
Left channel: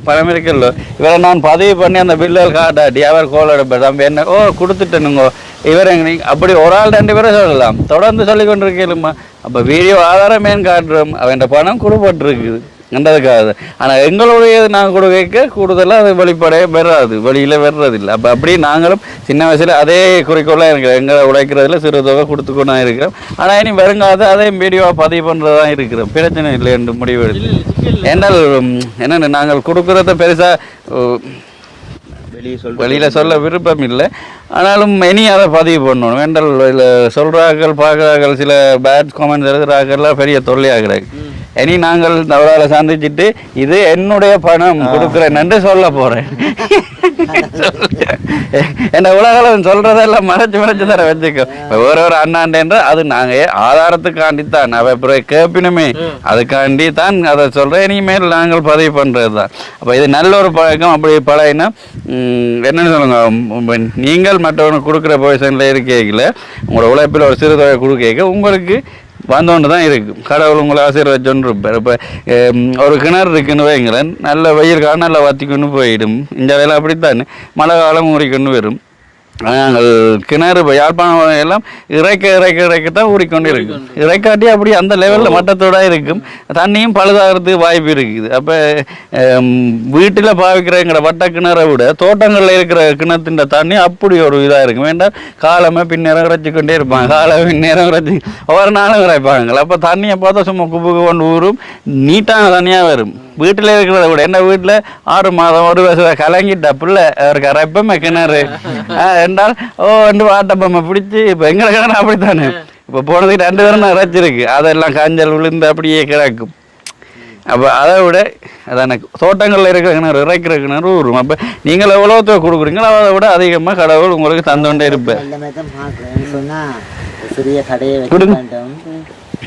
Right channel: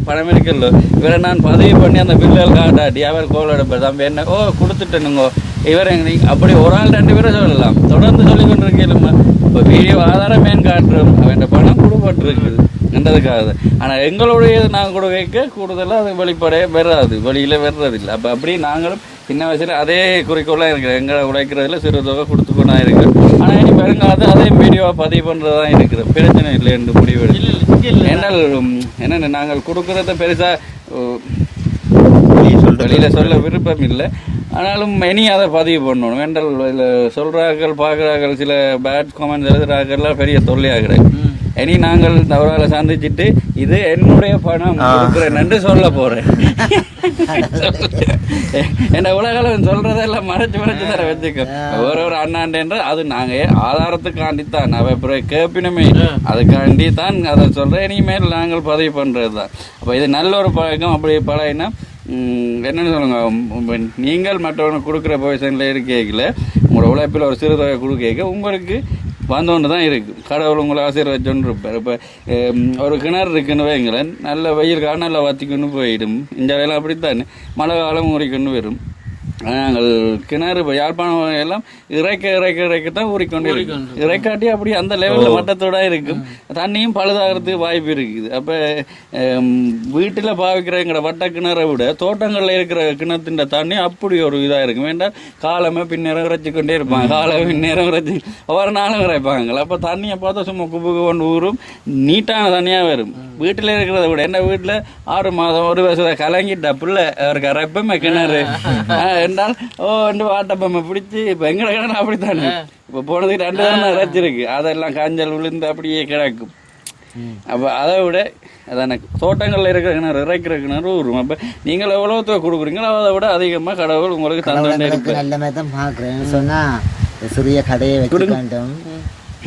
பணம் இருக்குல்ல, இவரை நான் பதிவு பண்ணி அந்த பில்லில் காட்டாட்டி அவர் கோல் எடுப்பார், தம்பி என்ன கொடுத்துட்டேனுங்கோ இவரை அப்படி ஒரு ஆள் 2 பேரை சொல்லலாம், தொடர்ந்து சொல்லி கொண்டிருக்கேனுமா. அப்போ வீடியோ ஆதாரம் மேன் காட்டுறோம், அவன் பணம் கொடுப்பட்டுருக்குது என்றதுக்காக. ஆனால் எங்களுடைய நான் கொடுக்க கூடுதலாக அது வெளிப்படைய பெறாது, வெளியில் வர்றதில்லை. அப்போ அப்படி நாங்களும் சின்ன வயசில் அதே குறிக்கோளாக இருக்கிறோம், எங்களை உழைக்கிறதுல சிறு தொகை கொடுத்துக்கொண்டா இருக்கிறோம். ஆனால் இனி வருங்காலத்து அதே வீடியோவை பதிவு பண்ணுறதான் இருக்கிறோம், பிரச்சனை இல்லை என்று முடிவு என்றால் என்னென்ன நாங்கள் கொடுக்குறத பெருசாக வெளியில் சொல்ல விருப்பம் இல்லை. ஆனாலும் இனி அதை பதிவு பண்ணணும் என்றால் சொல்கிறார்கள் பார்க்குறார்கள், சில பேட் காமெண்ட்ஸ் எழுதுகிறார்கள்லாம் பெரிய தொல்லையாகிறாங்க. இனி நாங்கள் அவரால் சந்திச்சுட்டு இது என்னுடைய பணம் கொடுக்குறேன் என்று சொல்ல போகிறேன். என்ன உலகம் சொல்கிறதெல்லாம் மறைச்சு தர வச்சுக்கோ. ஒரு அண்ணாண்டேன்ற அது நாங்கள் ஆதாரத்துக்காண்டித்தான் அவ அப்புறம் கேட்பினுமே அதுக்காண்டி தான் அதை சொல்கிறேன். இனிமேல் நாங்கள் பதிவு பண்ணுறது தான். அப்போ இது நல்ல ஒரு பழக்கம். அப்படி பழகினா என்னென்னு சொல்லுங்க, நீங்கள் மற்றவனுக்கு கொடுக்குற பொசிஷனில் இருக்கீங்கள, உங்களோட உழைப்பில் ஒரு சிறு தொகை கொடுக்க உங்களுக்கு வந்தோண்டு தான் இருக்குது. கடவுள் உங்களை ஆசீர்வதிச்சோன்னு இருப்பார். இப்போ ஒரு கிணறு இருக்குன்னு வைங்களேன், நல்ல வெயில் காலம் நல்லா வத்திக்கொண்டு போயிடும். இந்த வேலை அப்படித்தான், மழை காலம் ஊறிக்கொண்டு வரும். நாங்கள் கிணறு யாழ்ப்பாணம் எல்லாம் இறைக்கத்தான் ஊறிக்கொண்டு இருக்கும். இறைக்காட்டி அப்படி அந்த லெவலில் மட்டத்தோட இருக்கும், தண்ணியும் பழுதாகிறதுக்கு வாய்ப்பு இருக்குது. அப்போ வீட்டில் பாவிக்கிறங்கிற வட்ட கிணறை விட தோட்டங்களில் இருக்கிற கிணத்துன்ற தண்ணி அப்படி ஒரு இதாக இருக்கும். வேண்டாம் காலமே பின்னேரம் இறைச்சிக்கொண்டே இருப்பாங்க, காலமே பின்னேரம் இறைச்சி ஒவ்வொரு நாளும் இறைப்பாங்க. அப்போ தண்ணியை பார்த்தா சும்மா குப்பு கொண்டு ஊறும், நீட்டான தண்ணியாக வரும். வீட்டில் இருக்கிறத விட என்ன வீட்டில் 6 மாதம் 1 வருஷம் கலங்கிட்ட பிள்ளை அவருக்கு அரைப்பமே கிணறு என்றால் ரெண்டு வாட்டப்பம்மை பிடிச்சி. இப்போ எங்களை கிணறு அப்படித்தானே, இப்போ போனதுக்கு 2 தரம் அரைச்சிருக்கு, அதெல்லாம் காஞ்சல் விழுந்து அப்படியே கிடக்கும். அப்போ அதை விட அதான தோட்டங்களில் இருக்கிற கிணறு இறைக்கிற கிணறு வரும். அப்போ நீங்கள் எவ்வளோ கொடுக்குறீங்களோ அதை விட அதிகமாக கடவுள் உங்களுக்கு தந்தோண்டே இருப்பேன். எல்லாமே தான் பார்க்குறேன் சொன்னால் சிறிய கடையை வைக்க வேண்டும்.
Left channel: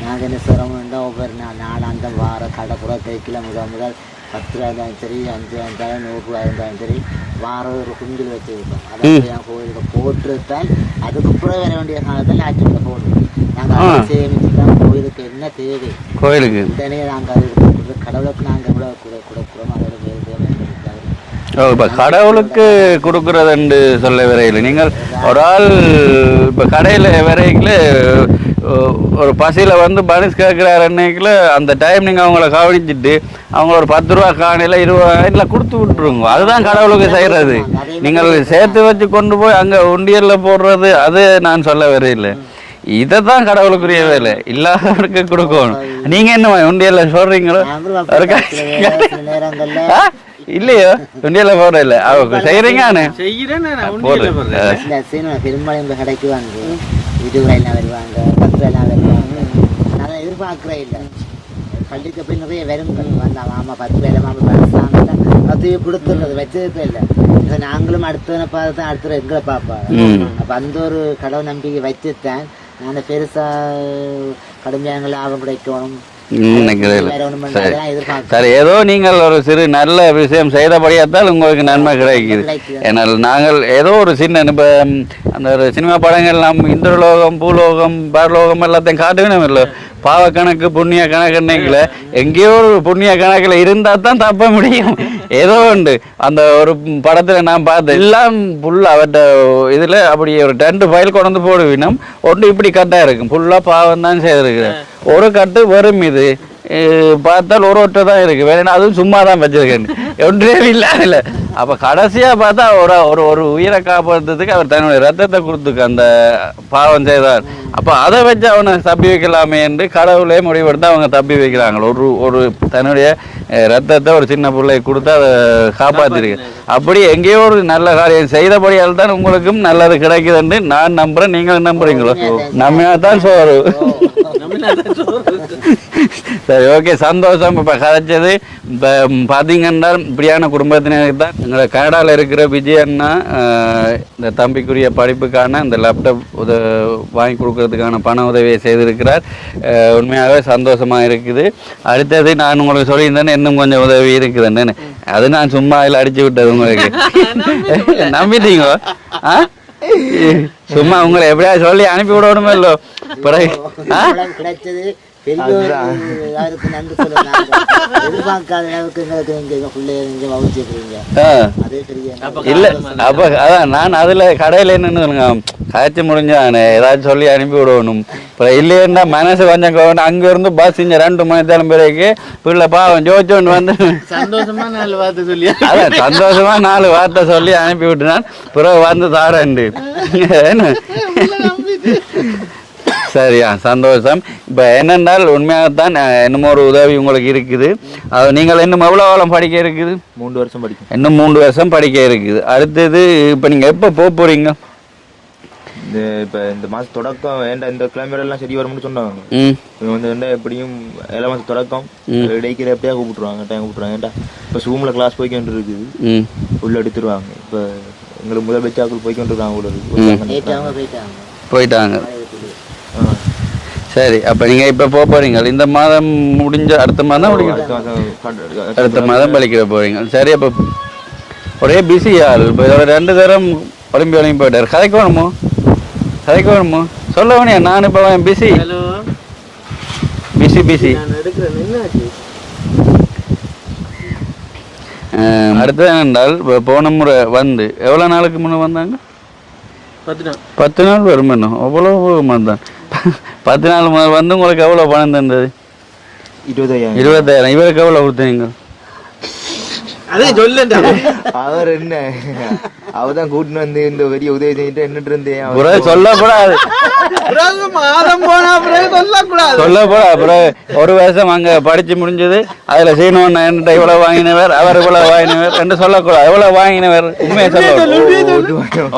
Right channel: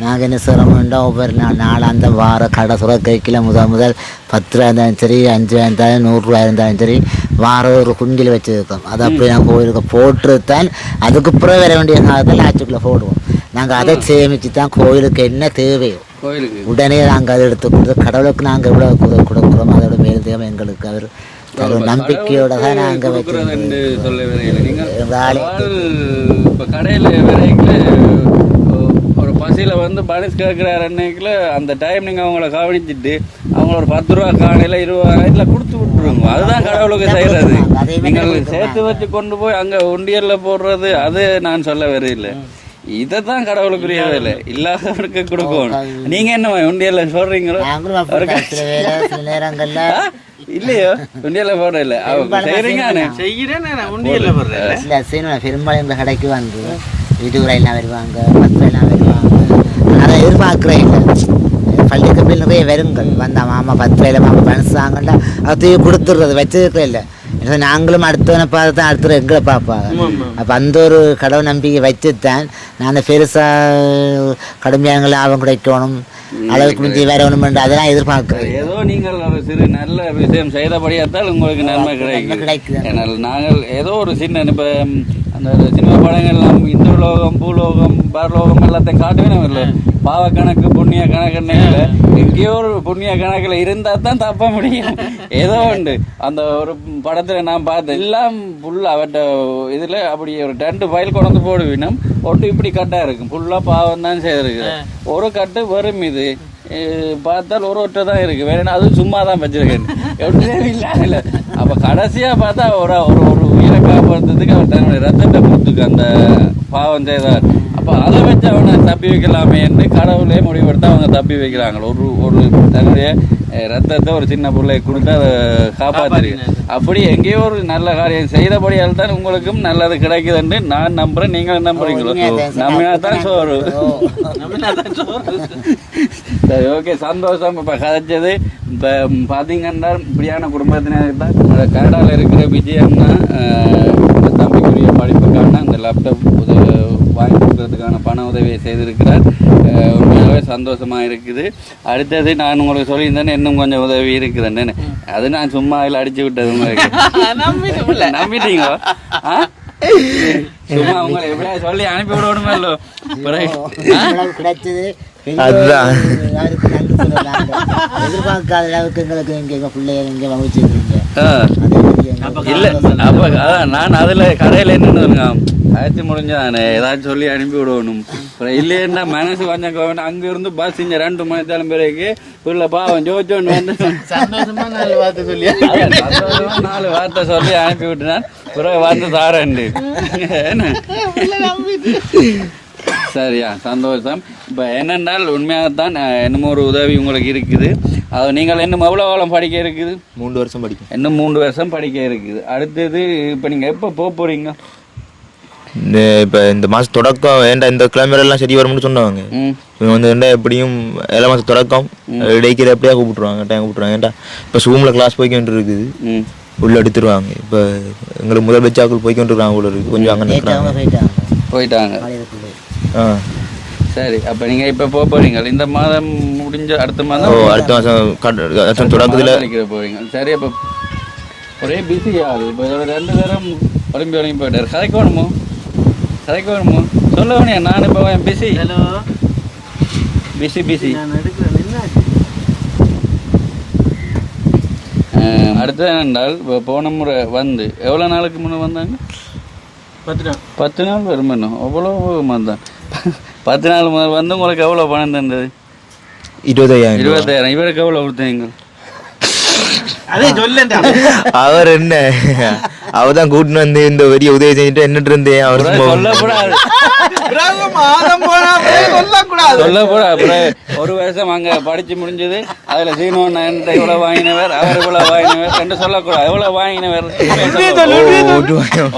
நாங்கள் என்ன சிரமம்ண்டா ஒவ்வொரு நாள் அந்த வார கடை சுரக்கைக்கில் முதல் 10 ரூபா இருந்தாலும் சரி, 5 ரூபா இருந்தாலும் 100 ரூபா இருந்தாலும் சரி, வாரம் ஒரு குண்டில் வச்சுருக்கோம். அதை அப்படி நான் கோயிலுக்கு போட்டுத்தான் அதுக்கு பிறகு வர வேண்டிய காலத்தில் ஆச்சுக்குள்ளே போடுவோம். நாங்கள் அதை சேமித்து தான் கோயிலுக்கு என்ன தேவையோ கோயிலுக்கு உடனே நாங்கள் அதை எடுத்து கொடுத்து கடவுளுக்கு நாங்கள் எவ்வளோ கொடுக்குறோமோ அதோட மேல் தேவை எங்களுக்கு அவர் கடவுளுக்கு கொடுக்குறதுன்னு சொல்ல வரையில். நீங்கள் ஒரு ஆள் இப்போ கடையில் வரையில் ஒரு பசியில் வந்து பனிஸ் கேட்குறாரு அன்னைக்குல அந்த டைம் நீங்கள் அவங்கள கவனிச்சுட்டு அவங்க ஒரு 10 ரூபா காணியில் 20 ரூபாயில் கொடுத்து விட்டுருங்க. அதுதான் கடவுளுக்கு செய்கிறது. நீங்கள் சேர்த்து வச்சு கொண்டு போய் அங்கே உண்டியலில் போடுறது அது நான் சொல்ல வரையில். இதை தான் கடவுளுக்குரிய வேலை, இல்லாதவருக்கு கொடுக்கணும். நீங்கள் என்ன உண்டியல்ல சொல்கிறீங்களோ இல்லையோ உண்டியல போட இல்லை அவங்க செய்கிறீங்க பெரும்பாலும் இந்த கடைக்கு வந்து 20 ரூபாயெல்லாம் வருவாங்க, 10 ரூபாயெல்லாம் வருவாங்க. அதை எதிர்பார்க்குறேன் பள்ளிக்கு நிறைய வருங்கள் வந்தால் மாமா 10 ரூபாயில மாமா பழசாங்கல்ல அதையும் கொடுத்துடுறது வச்சதுக்கு இல்லை. நாங்களும் அடுத்தவனை பார்த்து தான் அடுத்த எங்களை பார்ப்பாங்க. அப்போ அந்த ஒரு கடவுள் நம்பிக்கை வச்சுத்தான் நான் பெருசாக கடுமையாக லாபம் கிடைக்கணும் ஏதோ நீங்கள் ஒரு சிறு நல்ல விஷயம் செய்தபடியாத்தால் உங்களுக்கு நன்மை கிடைக்குது. ஏன்னால் நாங்கள் ஏதோ ஒரு சின்ன இப்போ அந்த சினிமா படங்கள் நாம் இந்திரலோகம் பூலோகம் பரலோகம் எல்லாத்தையும் காட்டுவேன் இல்லை, பாவ கணக்கு புண்ணிய கணக்குன்னைங்கள எங்கேயோ ஒரு புண்ணிய கணக்கில் இருந்தால் தான் தப்ப முடியும். ஏதோ உண்டு அந்த ஒரு படத்தில் நான் பார்த்தேன் எல்லாம் ஃபுல்லாக அவற்ற இதில் அப்படி ஒரு 2 ஃபைல் கொண்டு வந்து போடுவினோம். ஒன்று இப்படி கட்டாக இருக்கும், ஃபுல்லாக பாவம் தான் செய்திருக்கிறேன். ஒரு கட்டு வரும், இது பார்த்தால் ஒரு ஒற்றை தான் இருக்குது, வேணா அதுவும் சும்மா தான் வச்சிருக்கேன், ஒன்றே இல்லை. அப்போ கடைசியாக பார்த்தா ஒரு உயிரை காப்பாற்றுறதுக்கு அவர் தன்னுடைய ரத்தத்தை கொடுத்துக்கு அந்த பாவம் செய்தார். அப்போ அதை வச்சு அவனை தப்பி வைக்கலாமே என்று கடவுளே முடிவெடுத்து அவங்க தப்பி வைக்கிறாங்க. ஒரு தன்னுடைய ரத்தத்தை ஒரு சின்ன பிள்ளை கொடுத்து அதை காப்பாற்றிருக்கு. அப்படி எங்கேயோ ஒரு நல்ல காரியம் செய்தபடியால் தான் உங்களுக்கும் நல்லது கிடைக்குதுன்னு நான் நம்புகிறேன். நீங்கள் நம்புறீங்களோ? நம்ம தான் சோறு. சரி, ஓகே, சந்தோஷம். இப்போ கதைச்சது இப்போ பார்த்தீங்கன்னா இப்படியான குடும்பத்தினருக்கு தான் கனடாவில் இருக்கிற விஜயன்னா இந்த தம்பிக்குரிய படிப்புக்கான இந்த லேப்டாப் வாங்கி கொடுக்கறதுக்கான பண உதவியை செய்திருக்கிறார். உண்மையாகவே சந்தோஷமாக இருக்குது. அடுத்தது நான் உங்களுக்கு சொல்லியிருந்தேன்னு இன்னும் கொஞ்சம் உதவி இருக்குதுன்னு, அது நான் சும்மா அதில் அடிச்சு விட்டது உங்களுக்கு நம்பிட்டீங்களோ? சும்மா உங்களை எப்படியா சொல்லி அனுப்பி விடணுமே இல்லோ பிறகு கிடைச்சது அதுதான். யாருக்கு நன்றி சொல்லுவாங்க. எதிர்பார்க்காத அளவுக்கு எங்களுக்கு நீங்க பிள்ளைய நீங்க வகுச்சிருக்கீங்க. இல்ல அப்ப அதான் நான் அதுல கடையில என்னன்னு காய்ச்சி முடிஞ்சானே ஏதாச்சும் சொல்லி அனுப்பி விடணும். அப்புறம் இல்லையா மனசு கொஞ்சம் அங்க இருந்து பஸ் இங்க 2 மணி நேரம் பிறகு பிள்ளை பாவம் ஜோச்சோன்னு வந்து சந்தோஷமா 4 வார்த்தை சொல்லி சந்தோஷமா 4 வார்த்தை சொல்லி அனுப்பி விட்டுனான். பிறகு வந்து தாரண்டு சரியா சந்தோஷம். இப்போ என்னென்றால் உண்மையாகத்தான் இன்னும் ஒரு உதவி உங்களுக்கு இருக்குது. அது நீங்கள் இன்னும் எவ்வளோ காலம் படிக்க இருக்குது? 3 வருஷம் படிக்கும். இன்னும் 3 வருஷம் படிக்க இருக்குது. அடுத்தது இப்போ நீங்கள் எப்போ போகிறீங்க? இப்போ இந்த மாதம் தொடக்கம் ஏன்டா இந்த கிளம்பரெல்லாம் சரி வரும்னு சொன்னாங்க. இவங்க வந்து என்ன எப்படியும் 7 மாதம் தொடக்கம் இடைக்கிற எப்படியா கூப்பிட்டுருவாங்க டைம் கூப்பிட்ருவாங்க. ஏன்டா இப்போ ரூமில் கிளாஸ் போய்க்கிட்டு இருக்குது உள்ள எடுத்துருவாங்க. இப்போ எங்களுக்கு முதல் பெச்சாக்கள் போய்க்கிட்டு இருக்காங்க உள்ள இருக்குது கொஞ்சம் போயிட்டாங்க. சரி அப்போ நீங்கள் இப்போ போகிறீங்க இந்த மாதம் முடிஞ்ச அடுத்த மாதம் படிக்கிற போகிறீங்க. சரி அப்போ ஒரே பிஸியா இப்போ இதோட 2 தரம் ஒலிம்பி ஒலிம்பி போயிட்டார். கதைக்கு வேணுமோ சொல்ல வேணியா? நான் இப்போ பிஸி அடுத்தது என்னென்றால் இப்போ போன முறை வந்து எவ்வளோ நாளுக்கு முன்னே வந்தாங்க? 10 நாள் வரும். இன்னும் அவ்வளோ தான் 10 நாள் முதல் வந்து உங்களுக்கு எவ்வளோ பணம் தந்தது? 20,000. இவருக்கு எவ்வளோ கொடுத்தீங்க? அதே சொல்ல அவர் என்ன அவதான் கூட்டின்னு வந்து இந்த பெரிய உதவி செஞ்சுட்டு என்னட்டு இருந்தேன் அவர் சொல்லக்கூடாது சொல்லக்கூடாது. ஒரு வருஷம் அங்க படிச்சு முடிஞ்சது அதுல சீனோன் என்கிட்ட இவ்வளவு வாங்கினவர் அவர் இவ்வளவு வாங்கினவர் என்று சொல்லக்கூடாது. எவ்வளவு வாங்கினவர்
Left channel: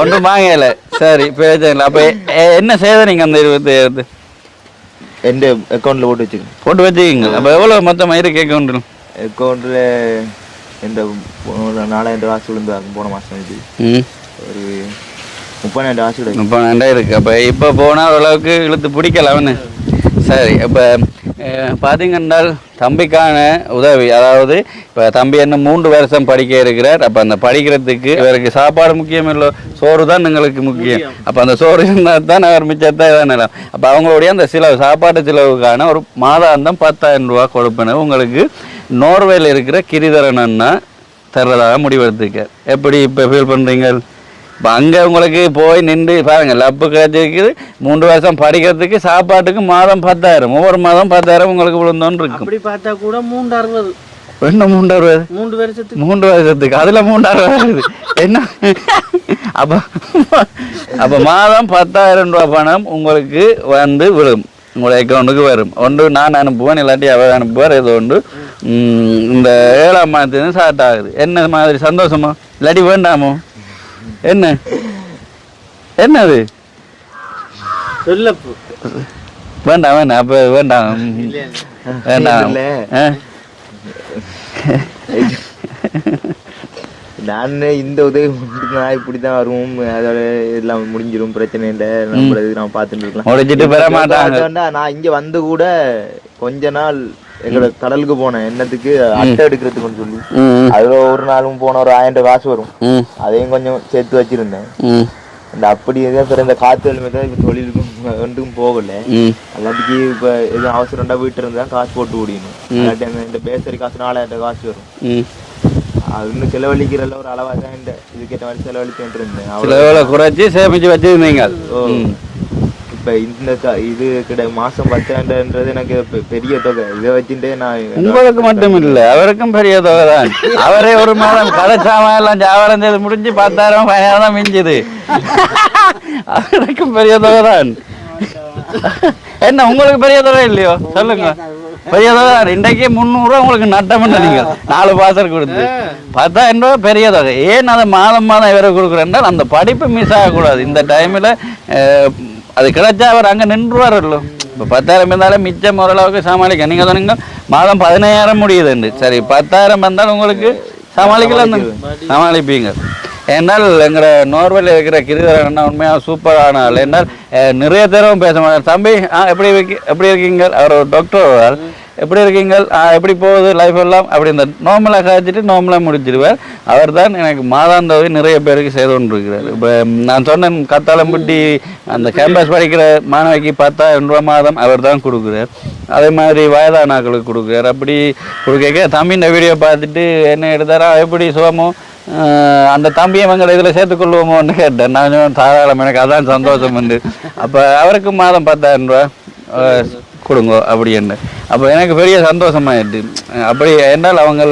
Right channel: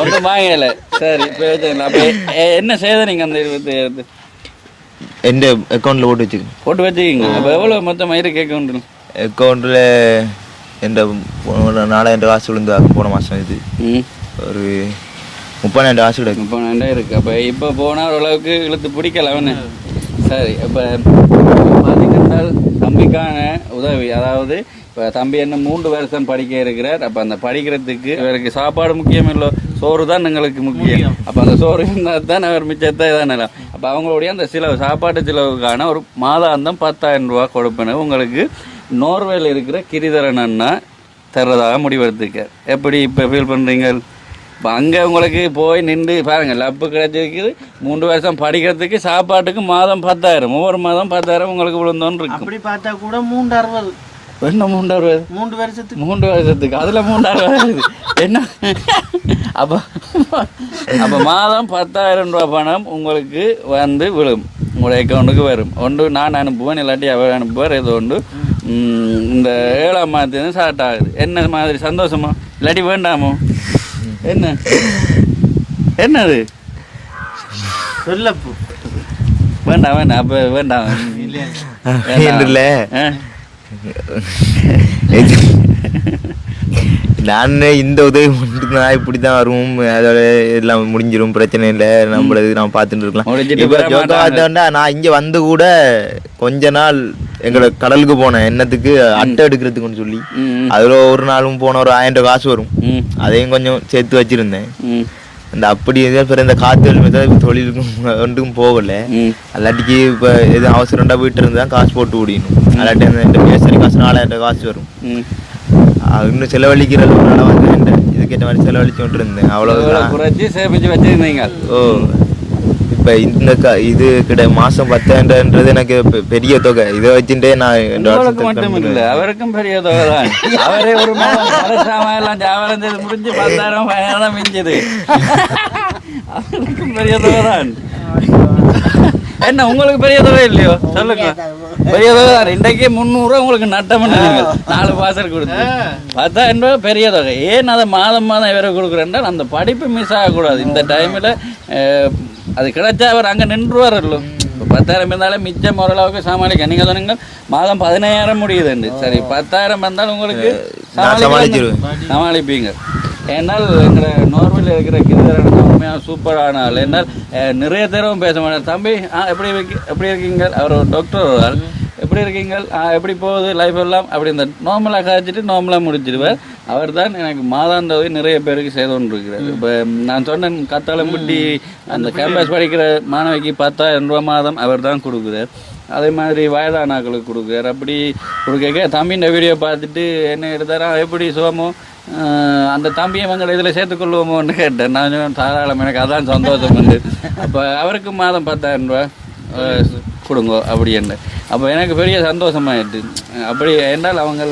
ஒன்றும் வாங்கல. சரி பேசல. அப்ப என்ன செய்த நீங்க அந்த 20,000 எந்த அக்கௌண்ட்ல போட்டு வச்சுக்கீங்க? அப்ப எவ்வளவு மொத்தமா இருக்கு அக்கௌண்ட்ல எந்த 4,000 காசு விழுந்தாங்க போன மாதம். இது ஒரு 30,000 காசு கிடைக்கும். 30,000 இருக்கு. அப்போ இப்போ போனால் ஓரளவுக்கு இழுத்து பிடிக்கலாம்னு. சரி இப்போ பார்த்தீங்கன்னா தம்பிக்கான உதவி, அதாவது இப்போ தம்பி என்ன 3 வருஷம் படிக்க இருக்கிறார். அப்போ அந்த படிக்கிறதுக்கு இவருக்கு சாப்பாடு முக்கியம் இல்லை, சோறு தான் எங்களுக்கு முக்கியம். அப்போ அந்த சோறு இருந்தால் தான் அவர் மிச்சத்தை வேணலாம். அப்போ அவங்களுடைய அந்த செலவு சாப்பாட்டு செலவுக்கான ஒரு மாதாந்தம் 10,000 ரூபா கொடுப்பேன் உங்களுக்கு நோர்வேல இருக்கிற கிரிதரன் அண்ணா தர்றதாக முடிவெடுத்துக்க. எப்படி இப்போ ஃபீல் பண்ணுறீங்க? இப்போ அங்கே உங்களுக்கு போய் நின்று பாருங்க லப்பு கிடைச்சிருக்குது. 3 வருஷம் படிக்கிறதுக்கு சாப்பாட்டுக்கு மாதம் 10,000, ஒவ்வொரு மாதம் 10,000 உங்களுக்கு விழுந்தோன்னு இருக்கு. அப்படி பார்த்தா கூட 360 என்ன 360 3 வருஷத்துக்கு 3 வருஷத்துக்கு அதில் 360 என்ன? அப்போ மாதம் 10,000 ரூபா பணம் உங்களுக்கு வந்து விழும், உங்களோட அக்கௌண்ட்டுக்கு வரும். ஒன்று நான் அனுப்புவேன், இல்லாட்டி அவர் அனுப்புவார். ஏதோ ஒன்று இந்த 7ஆம் மாதத்துலேருந்து ஸ்டார்ட் ஆகுது. என்ன மாதிரி சந்தோஷமா இல்லாட்டி வேண்டாமோ? என்னது வேண்டாம் அப்போ வேண்டாம் இல்லை. நான் இந்த உதவி மட்டும் நான் இப்படி தான் வரும், அதோட எல்லாம் முடிஞ்சிடும், பிரச்சனை இல்லை, நம்மளது நான் பார்த்துட்டு இருக்கலாம். நான் இங்கே வந்து கூட கொஞ்ச நாள் எங்களோட கடலுக்கு போனேன் என்னத்துக்கு அட்டை எடுக்கிறதுக்குன்னு சொல்லி. அதில் ஒரு நாளும் போன ஒரு 1000 காசு வரும், அதையும் கொஞ்சம் சேர்த்து வச்சிருந்தேன். அந்த அப்படி பிறகு இந்த காத்து தொழிலுக்கும் ஒன்றுக்கும் போகல. அல்லாட்டிக்கு இப்போ எது அவசரம்டா வீட்டு இருந்து தான் காசு போட்டு ஓடினு. அல்லாட்டி இந்த பேசரி காசு 4,000 காசு வரும். இன்னும் செலவழிக்கிறது ஒரு அளவு வந்து இதுக்கேற்ற மாதிரி செலவழிச்சு விட்டு இருந்தேன். அவ்வளோ குறைச்சி சேமிச்சு வச்சிருந்தீங்க. ஓ இப்போ இந்த இது மாதம் 10,000ன்றது எனக்கு பெரிய தொகை. இதை வச்சுட்டே நான் உங்களுக்கு மட்டும் இல்லை அவருக்கும் பெரிய தொகை தான். அவரே ஒரு மாதம் கலச்சாம எல்லாம் ஜாவரம் செய்து முடிஞ்சு 10,000 பயணம் தான் மிஞ்சுது. அவருக்கும் பெரிய தொகை தான். என்ன உங்களுக்கு பெரிய தொகை இல்லையோ சொல்லுங்க? பெரிய தொகை. இன்றைக்கு 300 ரூபா உங்களுக்கு நட்டம் பண்ணுறீங்க 4 பாசர் கொடுத்து. 10,000 ரூபா பெரிய தொகை. ஏன் அதை மாதம் இவரை கொடுக்குறேன்னா அந்த படிப்பு மிஸ் ஆகக்கூடாது. இந்த டைமில் அது கிடைச்சா அவர் அங்கே நின்றுவார். இப்போ 10,000 இருந்தாலும் மிச்சம் ஓரளவுக்கு சமாளிக்க. நீங்கள் தானுங்க மாதம் 15,000 முடியுதுண்டு. சரி 10,000 இருந்தாலும் உங்களுக்கு சமாளிப்பீங்க. ஏன்னால் எங்களை நோர்வேல இருக்கிற கிரிதரன் உண்மையாக சூப்பரான ஆள். ஏன்னால் நிறைய தடவை பேச மாட்டார். தம்பி எப்படி இருக்கீங்க, அவர் ஒரு டாக்டர், எப்படி இருக்கீங்க, எப்படி போகுது லைஃப் எல்லாம் அப்படி இந்த நார்மலாக கழிச்சிட்டு நார்மலாக முடிச்சிடுவார். அவர் தான் எனக்கு மாதாந்தவை நிறைய பேருக்கு செய்து கொண்டிருக்கிறார். இப்போ நான் சொன்னேன் கத்தாளம்பட்டி அந்த கேம்பஸ் படிக்கிற மாணவிக்கு 10,000 ரூபா மாதம் அவர் தான் கொடுக்குறார். அதே மாதிரி வயதானாக்களுக்கு கொடுக்குறார். அப்படி கொடுக்க தம்பியின் வீடியோ பார்த்துட்டு என்ன எடுத்தாரா எப்படி சுகமோ அந்த தம்பியை எங்களை இதில் சேர்த்துக்கொள்வோமோன்னு கேட்டேன். நான் தாராளம், எனக்கு அதான் சந்தோஷம் உண்டு. அப்போ அவருக்கு மாதம் 10,000 ரூபா கொடுங்க அப்படி என்ன. அப்போ எனக்கு பெரிய சந்தோஷமாயிட்டு. அப்படி என்றால் அவங்க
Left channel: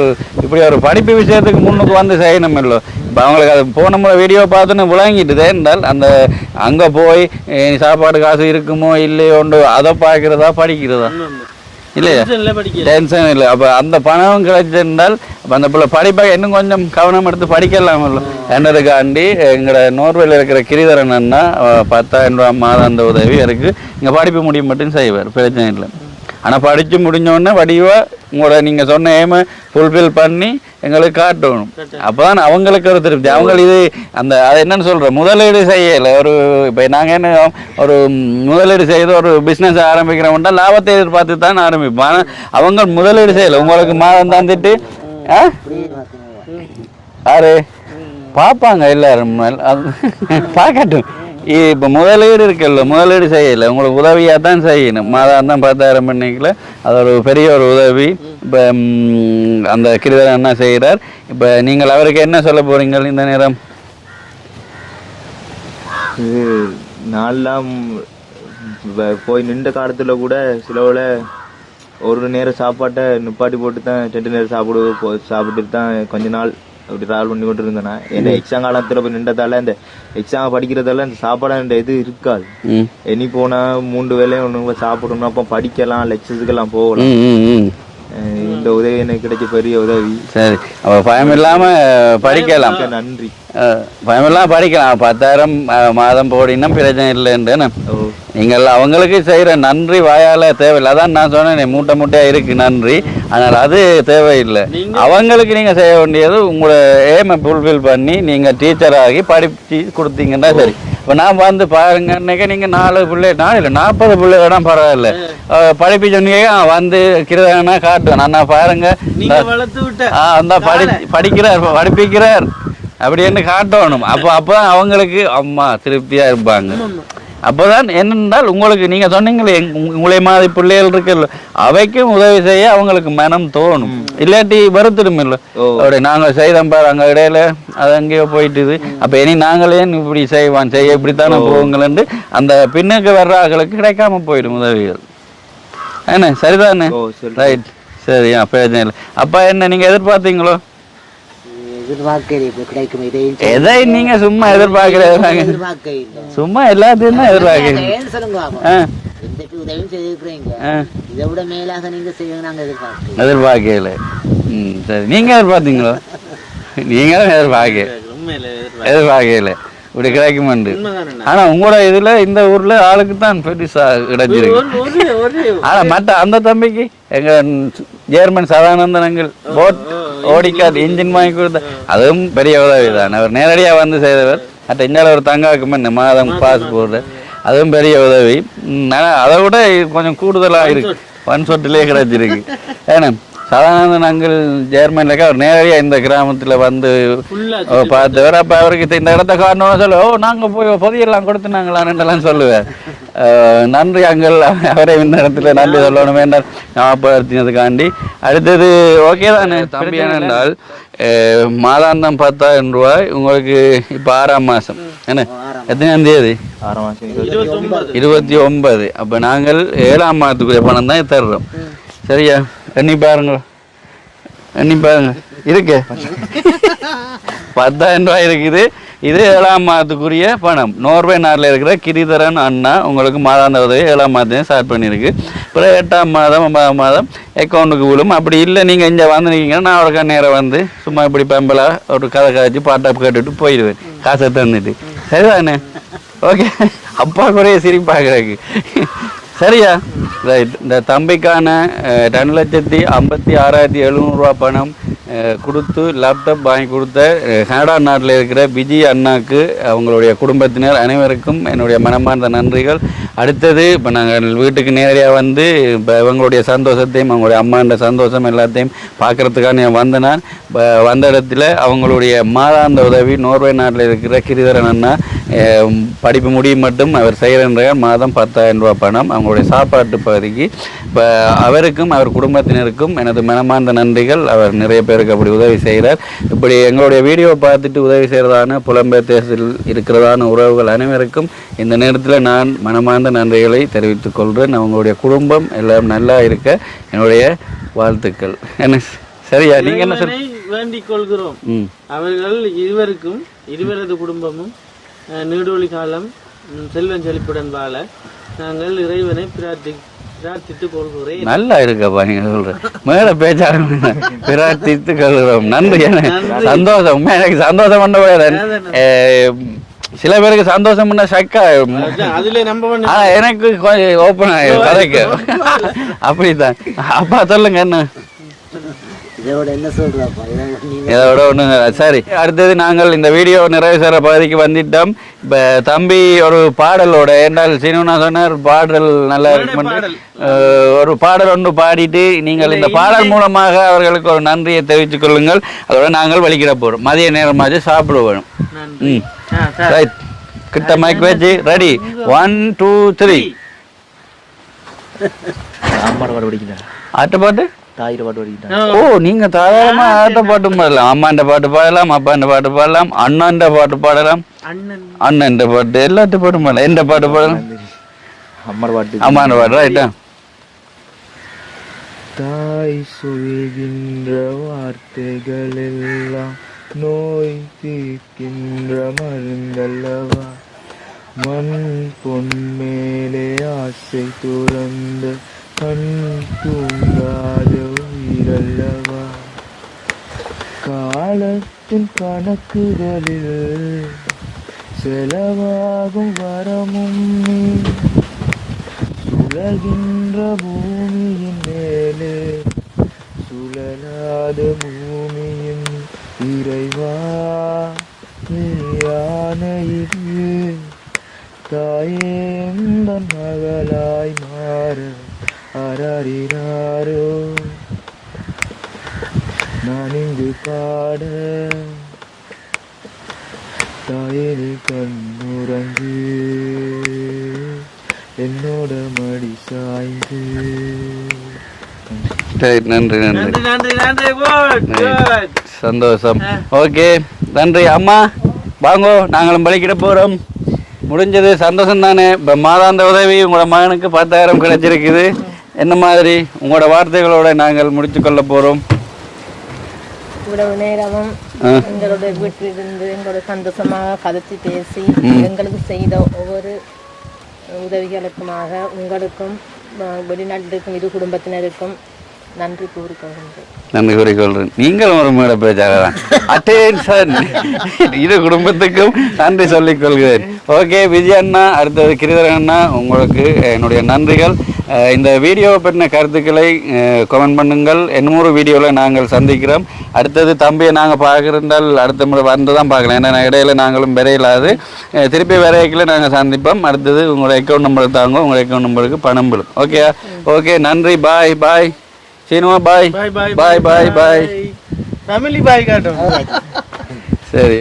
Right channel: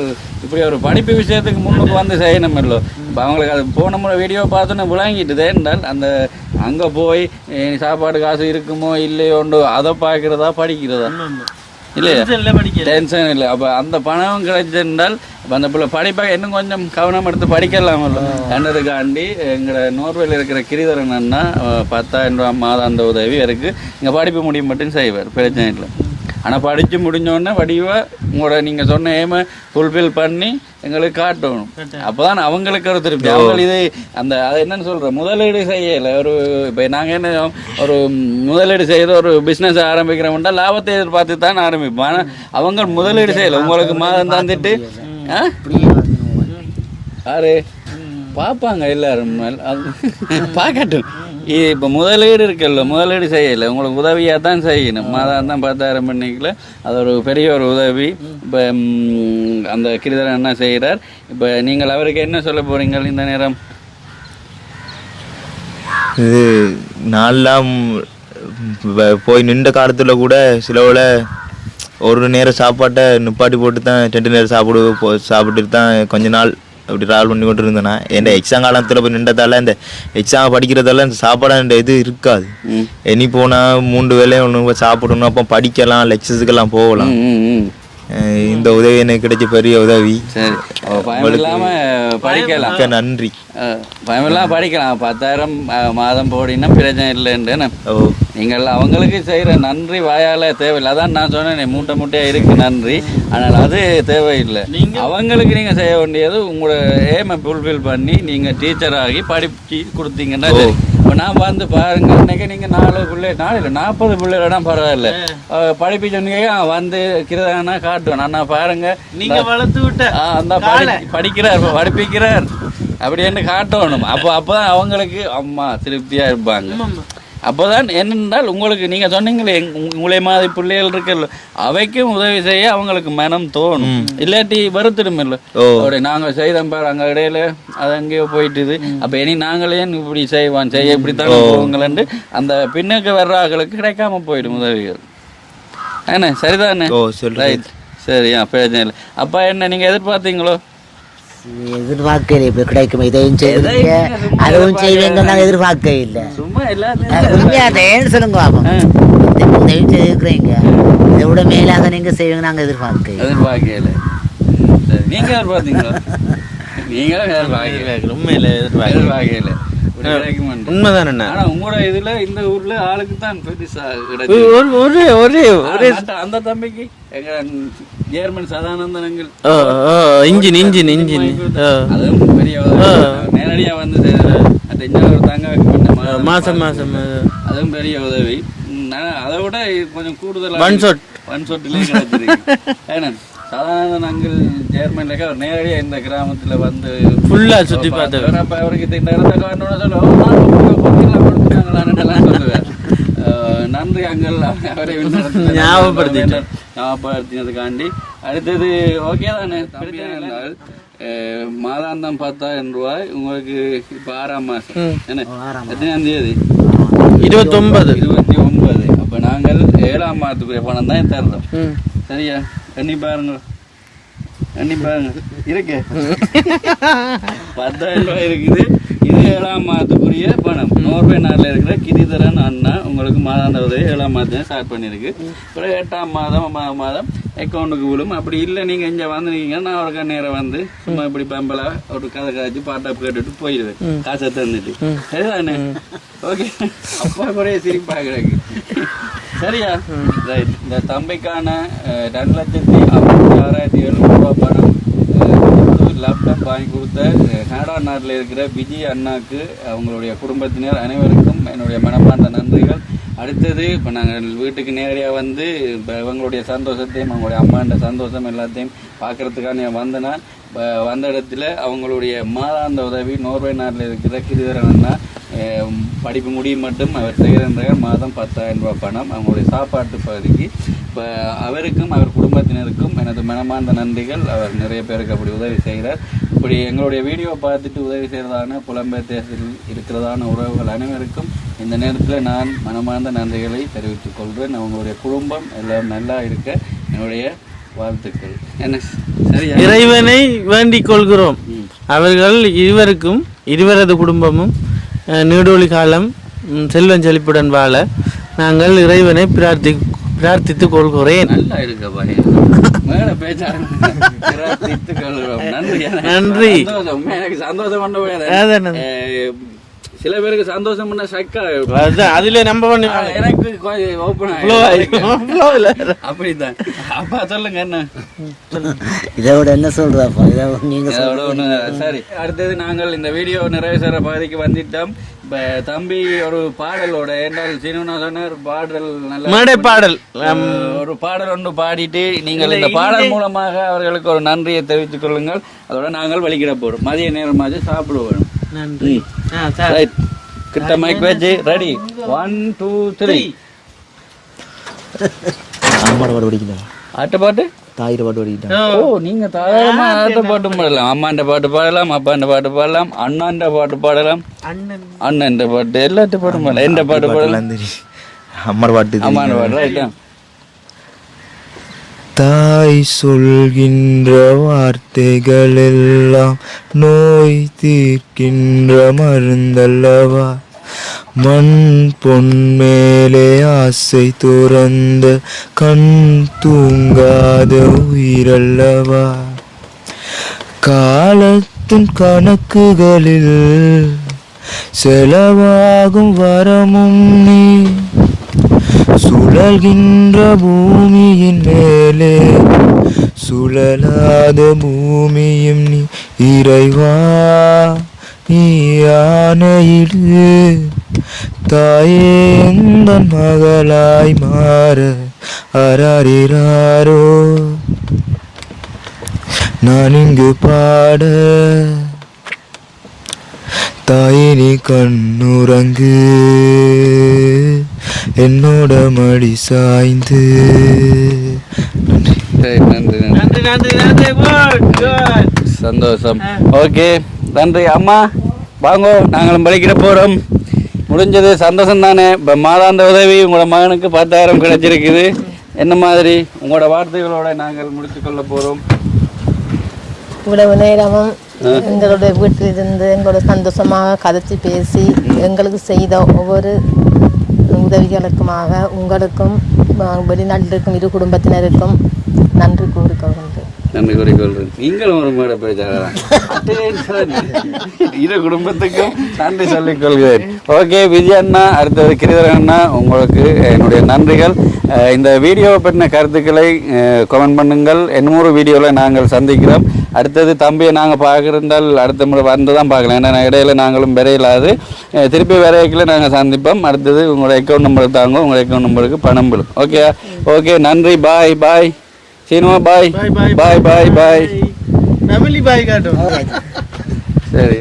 இப்படி ஒரு படிப்பு விஷயத்துக்கு முன்னுக்கு வந்து செய்யணும் இல்லை. இப்போ அவங்களுக்கு அது போன முறை வீடியோ பார்த்துன்னு விளங்கிட்டுதே என்றால் அந்த அங்கே போய் சாப்பாடு காசு இருக்குமோ இல்லையோண்டு அதை பார்க்குறதா படிக்கிறதா இல்லையா டென்ஷன் இல்லை. அப்போ அந்த பணம் கிடைச்சிருந்தால் அப்போ அந்த பிள்ளை படிப்பாக இன்னும் கொஞ்சம் கவனம் எடுத்து படிக்கலாம் இல்லை என்றதுக்காண்டி எங்களோட நோர்வேல இருக்கிற கிரிதரன் அண்ணா 10,000 ரூபா மாதாந்த உதவி இருக்குது. இங்கே படிப்பு முடியும் மட்டும் செய்வார், பிரச்சனை இல்லை. ஆனால் படித்து முடிஞ்சோடனே வடிவாக உங்களோட நீங்கள் சொன்ன ஏமை ஃபுல்ஃபில் பண்ணி எங்களுக்கு காட்டணும். அப்போ தான் அவங்களுக்கு ஒரு திருப்தி. அவங்க இது அந்த அதை என்னென்னு சொல்கிறோம், முதலீடு செய்யலை. ஒரு இப்போ நாங்கள் என்ன ஒரு முதலீடு செய்து ஒரு பிஸ்னஸ் ஆரம்பிக்கிறோம்னா லாபத்தை எதிர்பார்த்து தான் ஆரம்பிப்போம். ஆனால் அவங்க முதலீடு செய்யலை. உங்களுக்கு மாதம் தந்துட்டு யாரு பார்ப்பாங்க எல்லாரும் பார்க்கட்டும். இப்போ முதலீடு இருக்குல்ல, முதலீடு செய்யலை, உங்களுக்கு உதவியாக தான் செய்யணும். மாதம் தான் 10,000 பண்ணிக்கல, அது ஒரு பெரிய ஒரு உதவி. இப்போ அந்த கிரிதரன் என்ன செய்கிறார். இப்போ நீங்கள் அவருக்கு என்ன சொல்ல போகிறீங்க இந்த நேரம்? இது நான்லாம் போய் நின்ற காலத்தில் கூட சிலவில் ஒரு நேரம் சாப்பாட்டை நிப்பாட்டி போட்டு தான் 2 நேரம் சாப்பிட்டு தான் கொஞ்ச நாள் அப்படி ட்ராவல் பண்ணி கொண்டு இருந்தேன்னா. என்ன எக்ஸாம் காலத்தில் போய் நின்றதால இந்த எக்ஸாம் படிக்கிறதால இந்த சாப்பாடு இது இருக்காது. இனி போனால் 3 வேளையும் ஒன்று சாப்பிடணும். அப்போ படிக்கலாம், லெக்சர்ஸுக்கெல்லாம் போகலாம். இந்த உதவி எனக்கு கிடைச்ச பெரிய உதவி. சரி, அப்போ பயம் இல்லாமல் படிக்கலாம். நன்றி. பயம் இல்லாமல் படிக்கலாம். 10,000 மாதம் போடினா பிரச்சனை இல்லைன்னு நீங்கள் அவங்களுக்கு செய்கிற நன்றி வாயால் தேவையில்லை. அதான் நான் சொன்னேன் மூட்டை மூட்டையாக இருக்குது நன்றி. ஆனால் அது தேவையில்லை. அவங்களுக்கு நீங்கள் செய்ய வேண்டியது உங்களோட ஏமை ஃபுல்ஃபில் பண்ணி நீங்கள் டீச்சராகி படித்து கொடுத்தீங்கன்னா சரி. இப்போ நான் வந்து பாருங்க, இன்னைக்கு நீங்கள் 4 பிள்ளை 40 பிள்ளை வேணால் பரவாயில்ல படிப்பு சொன்னீங்க வந்து கிருதானா காட்டுவேன். நான் பாருங்க நீங்கள் வளர்த்து விட்ட அந்த படிப்பிக்கிறார் அப்படின்னு காட்டணும். அப்போதான் அவங்களுக்கு அம்மா திருப்தியாக இருப்பாங்க. அப்போதான் என்னென்றால் உங்களுக்கு நீங்கள் சொன்னீங்களே உங்களை மாதிரி பிள்ளைகள் இருக்குல்ல, அவைக்கும் உதவி செய்ய அவங்களுக்கு மனம் தோணும். இல்லாட்டி வருத்திடும் இல்லை. அப்படி நாங்கள் செய்தோம் பாரு அங்கே இடையில அது அங்கேயோ போயிட்டுது. அப்போ இனி நாங்களே இப்படி செய்ய இப்படித்தானே போகுங்களேன்ட்டு அந்த பின்னுக்கு வர்ற ஆக்களுக்கு கிடைக்காம போயிடும் உதவிகள். என்ன சரிதானே? ரைட், சரி. பிரச்சனை இல்லை. அப்பா என்ன நீங்கள் எதிர்பார்த்தீங்களோ? எதிர்பார்க்கல இப்ப கிடைக்கும். இதையும் நீங்க சும்மா எதிர்பார்க்க இல்ல, சும்மா எல்லாத்தையும் சொல்லுங்க. உதவி செய்திருக்கிறீங்க, இதை விட மேலாக நீங்க செய்வீங்க நாங்க எதிர்பார்க்கல. சரி, நீங்க எதிர்பார்த்தீங்களோ? நீங்க எதிர்பார்க்கல இப்படி கிடைக்குமா? உண்மைதானே. ஆனா உங்களோட இதுல இந்த ஊர்ல ஆளுக்கு தான் பெருசா கிடைச்சிருக்கு. மற்ற அந்த தம்பிக்கு எங்க ஜெர்மன் சதானந்தனங்கள் அதுவும் பெரிய உதவி. அவர் நேரடியா வந்து செய்தவர். மற்ற இன்னொரு ஒரு தங்காக்கு முன்ன மாதம் பாஸ்போர்ட் அதுவும் பெரிய உதவி. அதை விட கொஞ்சம் கூடுதலாக பன்சொட்டிலே கிடைச்சிருக்கு. ஏன்னா சதானந்தன் அங்கிள் ஜெர்மன்ல அவர் நேரடியாக இந்த கிராமத்தில் வந்து பார்த்தவர். அப்போ அவருக்கு இந்த இடத்த காரணம் சொல்லுவோம், நாங்கள் போய் பொதியெல்லாம் கொடுத்துனாங்களான்னுலாம் சொல்லுவார். நன்றி அங்கிள், அவரை இந்த இடத்துல நன்றி சொல்லணும் என்றால் ஞாபகப்படுத்தினதுக்காண்டி. அடுத்தது ஓகே தானே தம்பி? ஏனென்றால் மாதாந்தம் 10,000 ரூபாய் உங்களுக்கு இப்போ 6ஆம் மாதம் என்ன எத்தனாம் தேதி? 29. அப்போ நாங்கள் 7ஆம் மாதத்துக்குரிய பணம் தான் தர்றோம். சரியா? எண்ணி பாருங்க இருக்கு 10,000 ரூபாய் இருக்குது. இது 7ஆம் மாதத்துக்குரிய பணம். நோர்வே நாட்டில் இருக்கிற கிரிதரன் அண்ணா உங்களுக்கு மாதாந்த உதவி 7ஆம் மாதத்தையும் ஸ்டார்ட் பண்ணியிருக்கு. அப்புறம் 8ஆம் மாதம் 9ஆம் மாதம் அக்கௌண்ட்டுக்கு விழும். அப்படி இல்லை நீங்கள் இங்கே வந்துருக்கீங்கன்னா நான் அவருக்கு நேரம் வந்து சும்மா இப்படி பெம்பலா ஒரு கதை காய்ச்சி பாட்டாப் கேட்டுட்டு போயிடுவேன் காசை தந்துட்டு. சரிதானே? ஓகே. அப்பா குறைய சிரிப்பாகிறதுக்கு சரியா? ரைட். இந்த தம்பிக்கான 2,56,700 ரூபா பணம் கொடுத்து கொடுத்து லேப்டாப் வாங்கி கொடுத்த கனடா நாட்டில் இருக்கிற விஜய் அண்ணாக்கு அவங்களுடைய குடும்பத்தினர் அனைவருக்கும் என்னுடைய மனமார்ந்த நன்றிகள். அடுத்தது இப்போ நாங்கள் வீட்டுக்கு நேரடியாக வந்து இப்போ இவங்களுடைய சந்தோஷத்தையும் அவங்களுடைய அம்மாண்ட சந்தோஷம் எல்லாத்தையும் பார்க்குறதுக்காக நான் வந்தேன். வந்த இடத்துல அவங்களுடைய மாதாந்த உதவி நோர்வே நாட்டில் இருக்கிற கிரிதரன் அண்ணா படிப்பு முடியும் மட்டும் அவர் செய்கிற மாதம் 10,000 ரூபா பணம் அவங்களுடைய சாப்பாட்டு பகுதிக்கு. இப்போ அவருக்கும் அவர் குடும்பத்தினருக்கும் எனது மனமார்ந்த நன்றிகள். அவர் நிறைய பேருக்கு அப்படி உதவி செய்கிறார். இப்படி எங்களுடைய வீடியோவை பார்த்துட்டு உதவி செய்கிறதான புலம்பெயர் தேசத்தில் இருக்கிறதான உறவுகள் அனைவருக்கும் இந்த நேரத்தில் நான் மனமார்ந்த நன்றிகளை தெரிவித்துக் கொள்கிறேன். அவங்களுடைய குடும்பம் எல்லாம் நல்லா இருக்க என்னுடைய வாழ்த்துக்கள். என்ன சரியா? இறைவனை வேண்டிக் கொள்கிறோம். அவர்கள் இருவரது குடும்பமும் நீடொழி காலம் செல்வம் செழிப்புடன் வாழ நாங்கள் இறைவனை பிரார்த்தித்துக் கொள்கிறேன். நல்லா இருக்கப்பா மேல பேச்சாங்க. பிரார்த்தித்துக் கொள்கிறோம். நன்றி நன்றி. சந்தோஷம் உண்மையா எனக்கு சந்தோஷம் பண்ண சில பேருக்கு சந்தோஷம் பண்ண சக்கா அதுல நம்ம எனக்கு ஓப்பன் ஆயிடும் அப்படித்தான். அப்பா சொல்லுங்க என்ன இதோட என்ன சொல்றப்பா? இதோட ஒண்ணு சரி. அடுத்தது நாங்கள் இந்த வீடியோ நிறைவு செய்கிற பகுதிக்கு வந்துட்டோம். இப்போ தம்பி ஒரு பாடலோட என்றால் சீனுனா சொன்னார் பாடல் நல்ல பாடல் ஒரு பாடல் ஒன்று பாடிட்டு நீங்கள் இந்த பாடல் மூலமாக அவர்களுக்கு ஒரு நன்றியை தெரிவித்துக் கொள்ளுங்கள். அதோட நாங்கள் வலிக்கிற போறோம். மதிய நேரமாச்சு சாப்பிட வேணும். கிட்ட மைக் வச்சு ரெடி 1 2 3 ஆட்டு பாட்டு ஓ நீங்க தாராளமா ஆட்ட பாட்டு பாடலாம். அம்மாண்ட பாட்டு பாடலாம், அப்பாண்ட பாட்டு பாடலாம், அண்ணாண்ட பாட்டு பாடலாம், அண்ணன் பாட்டு எல்லாத்து பாட்டும் பாடலாம். எந்த பாட்டு பாடலாம்? அம்மாண்ட பாட்டு ரைட்டா. தாய் சொல்கின்ற வார்த்தைகள் எல்லாம் நோய் தீர்க்கின்ற மருந்தல்லவா, மண் பொன் மேலே ஆசை துறந்த கண் தூங்காத உயிரல்லவா, காலத்தின் கணக்குகளில் செலவாகும் வரமும் நீ, சுழல்கின்ற பூமியின் மேலே சுழலாத பூமியும் நீ, இறைவா நீ ஆணையிடு தாயே எந்தன் மகளாய் மாற அராரிராரோ நான் இங்கு பாட, தாயே நீ கண்ணுறங்கு என்னோட மடி சாய்ந்து. நன்றி நன்றி நன்றி. சந்தோஷம். ஓகே நன்றி. அம்மா வாங்கோ நாங்களும் பலிக்கிட போகிறோம். முடிஞ்சது சந்தோஷம் தானே. இப்போ மாதாந்த உதவி உங்களோட மகனுக்கு 10,000 கிடைச்சிருக்குது. என்ன மாதிரி உங்களோட வார்த்தைகளோட நாங்கள் முடித்துக்கொள்ள போகிறோம். இவ்வளவு நேரமும் எங்களுடைய வீட்டில் இருந்து எங்களோட சந்தோஷமாக கதைச்சி பேசி எங்களுக்கு செய்த ஒவ்வொரு உதவிகளுக்குமாக உங்களுக்கும் வெளிநாட்டில் இருக்கும் இரு குடும்பத்தினருக்கும் நன்றி கூறிக்கொள்கின்றேன். நன்றி கூறிக்கொள்கிறேன். நீங்கள் ஒரு மேடை பேச்சாளர் அட்டேன்ஷன் இரு குடும்பத்துக்கும் நன்றி சொல்லிக் கொள்கிறேன். ஓகே விஜய் அண்ணா, அடுத்தது கிரிதரன் அண்ணா, உங்களுக்கு என்னுடைய நன்றிகள். இந்த வீடியோவை பற்றின கருத்துக்களை கமெண்ட் பண்ணுங்கள். இன்னொரு வீடியோவில் நாங்கள் சந்திக்கிறோம். அடுத்தது தம்பியை நாங்கள் பார்க்குறால் அடுத்த முறை வந்து தான் பார்க்கலாம். ஏன்னா இடையில நாங்களும் விரையிலாது திருப்பி விரைக்கில் நாங்கள் சந்திப்போம். அடுத்தது உங்களோட அக்கௌண்ட் நம்பர் தாங்க, உங்கள் அக்கௌண்ட் நம்பருக்கு பணம் விடும். ஓகே ஓகே நன்றி. பாய் பாய் சீனுமா. பாய் பாய் பாய் பாய் பாய். ஃபேமிலி பாய் காட்டும். சரி.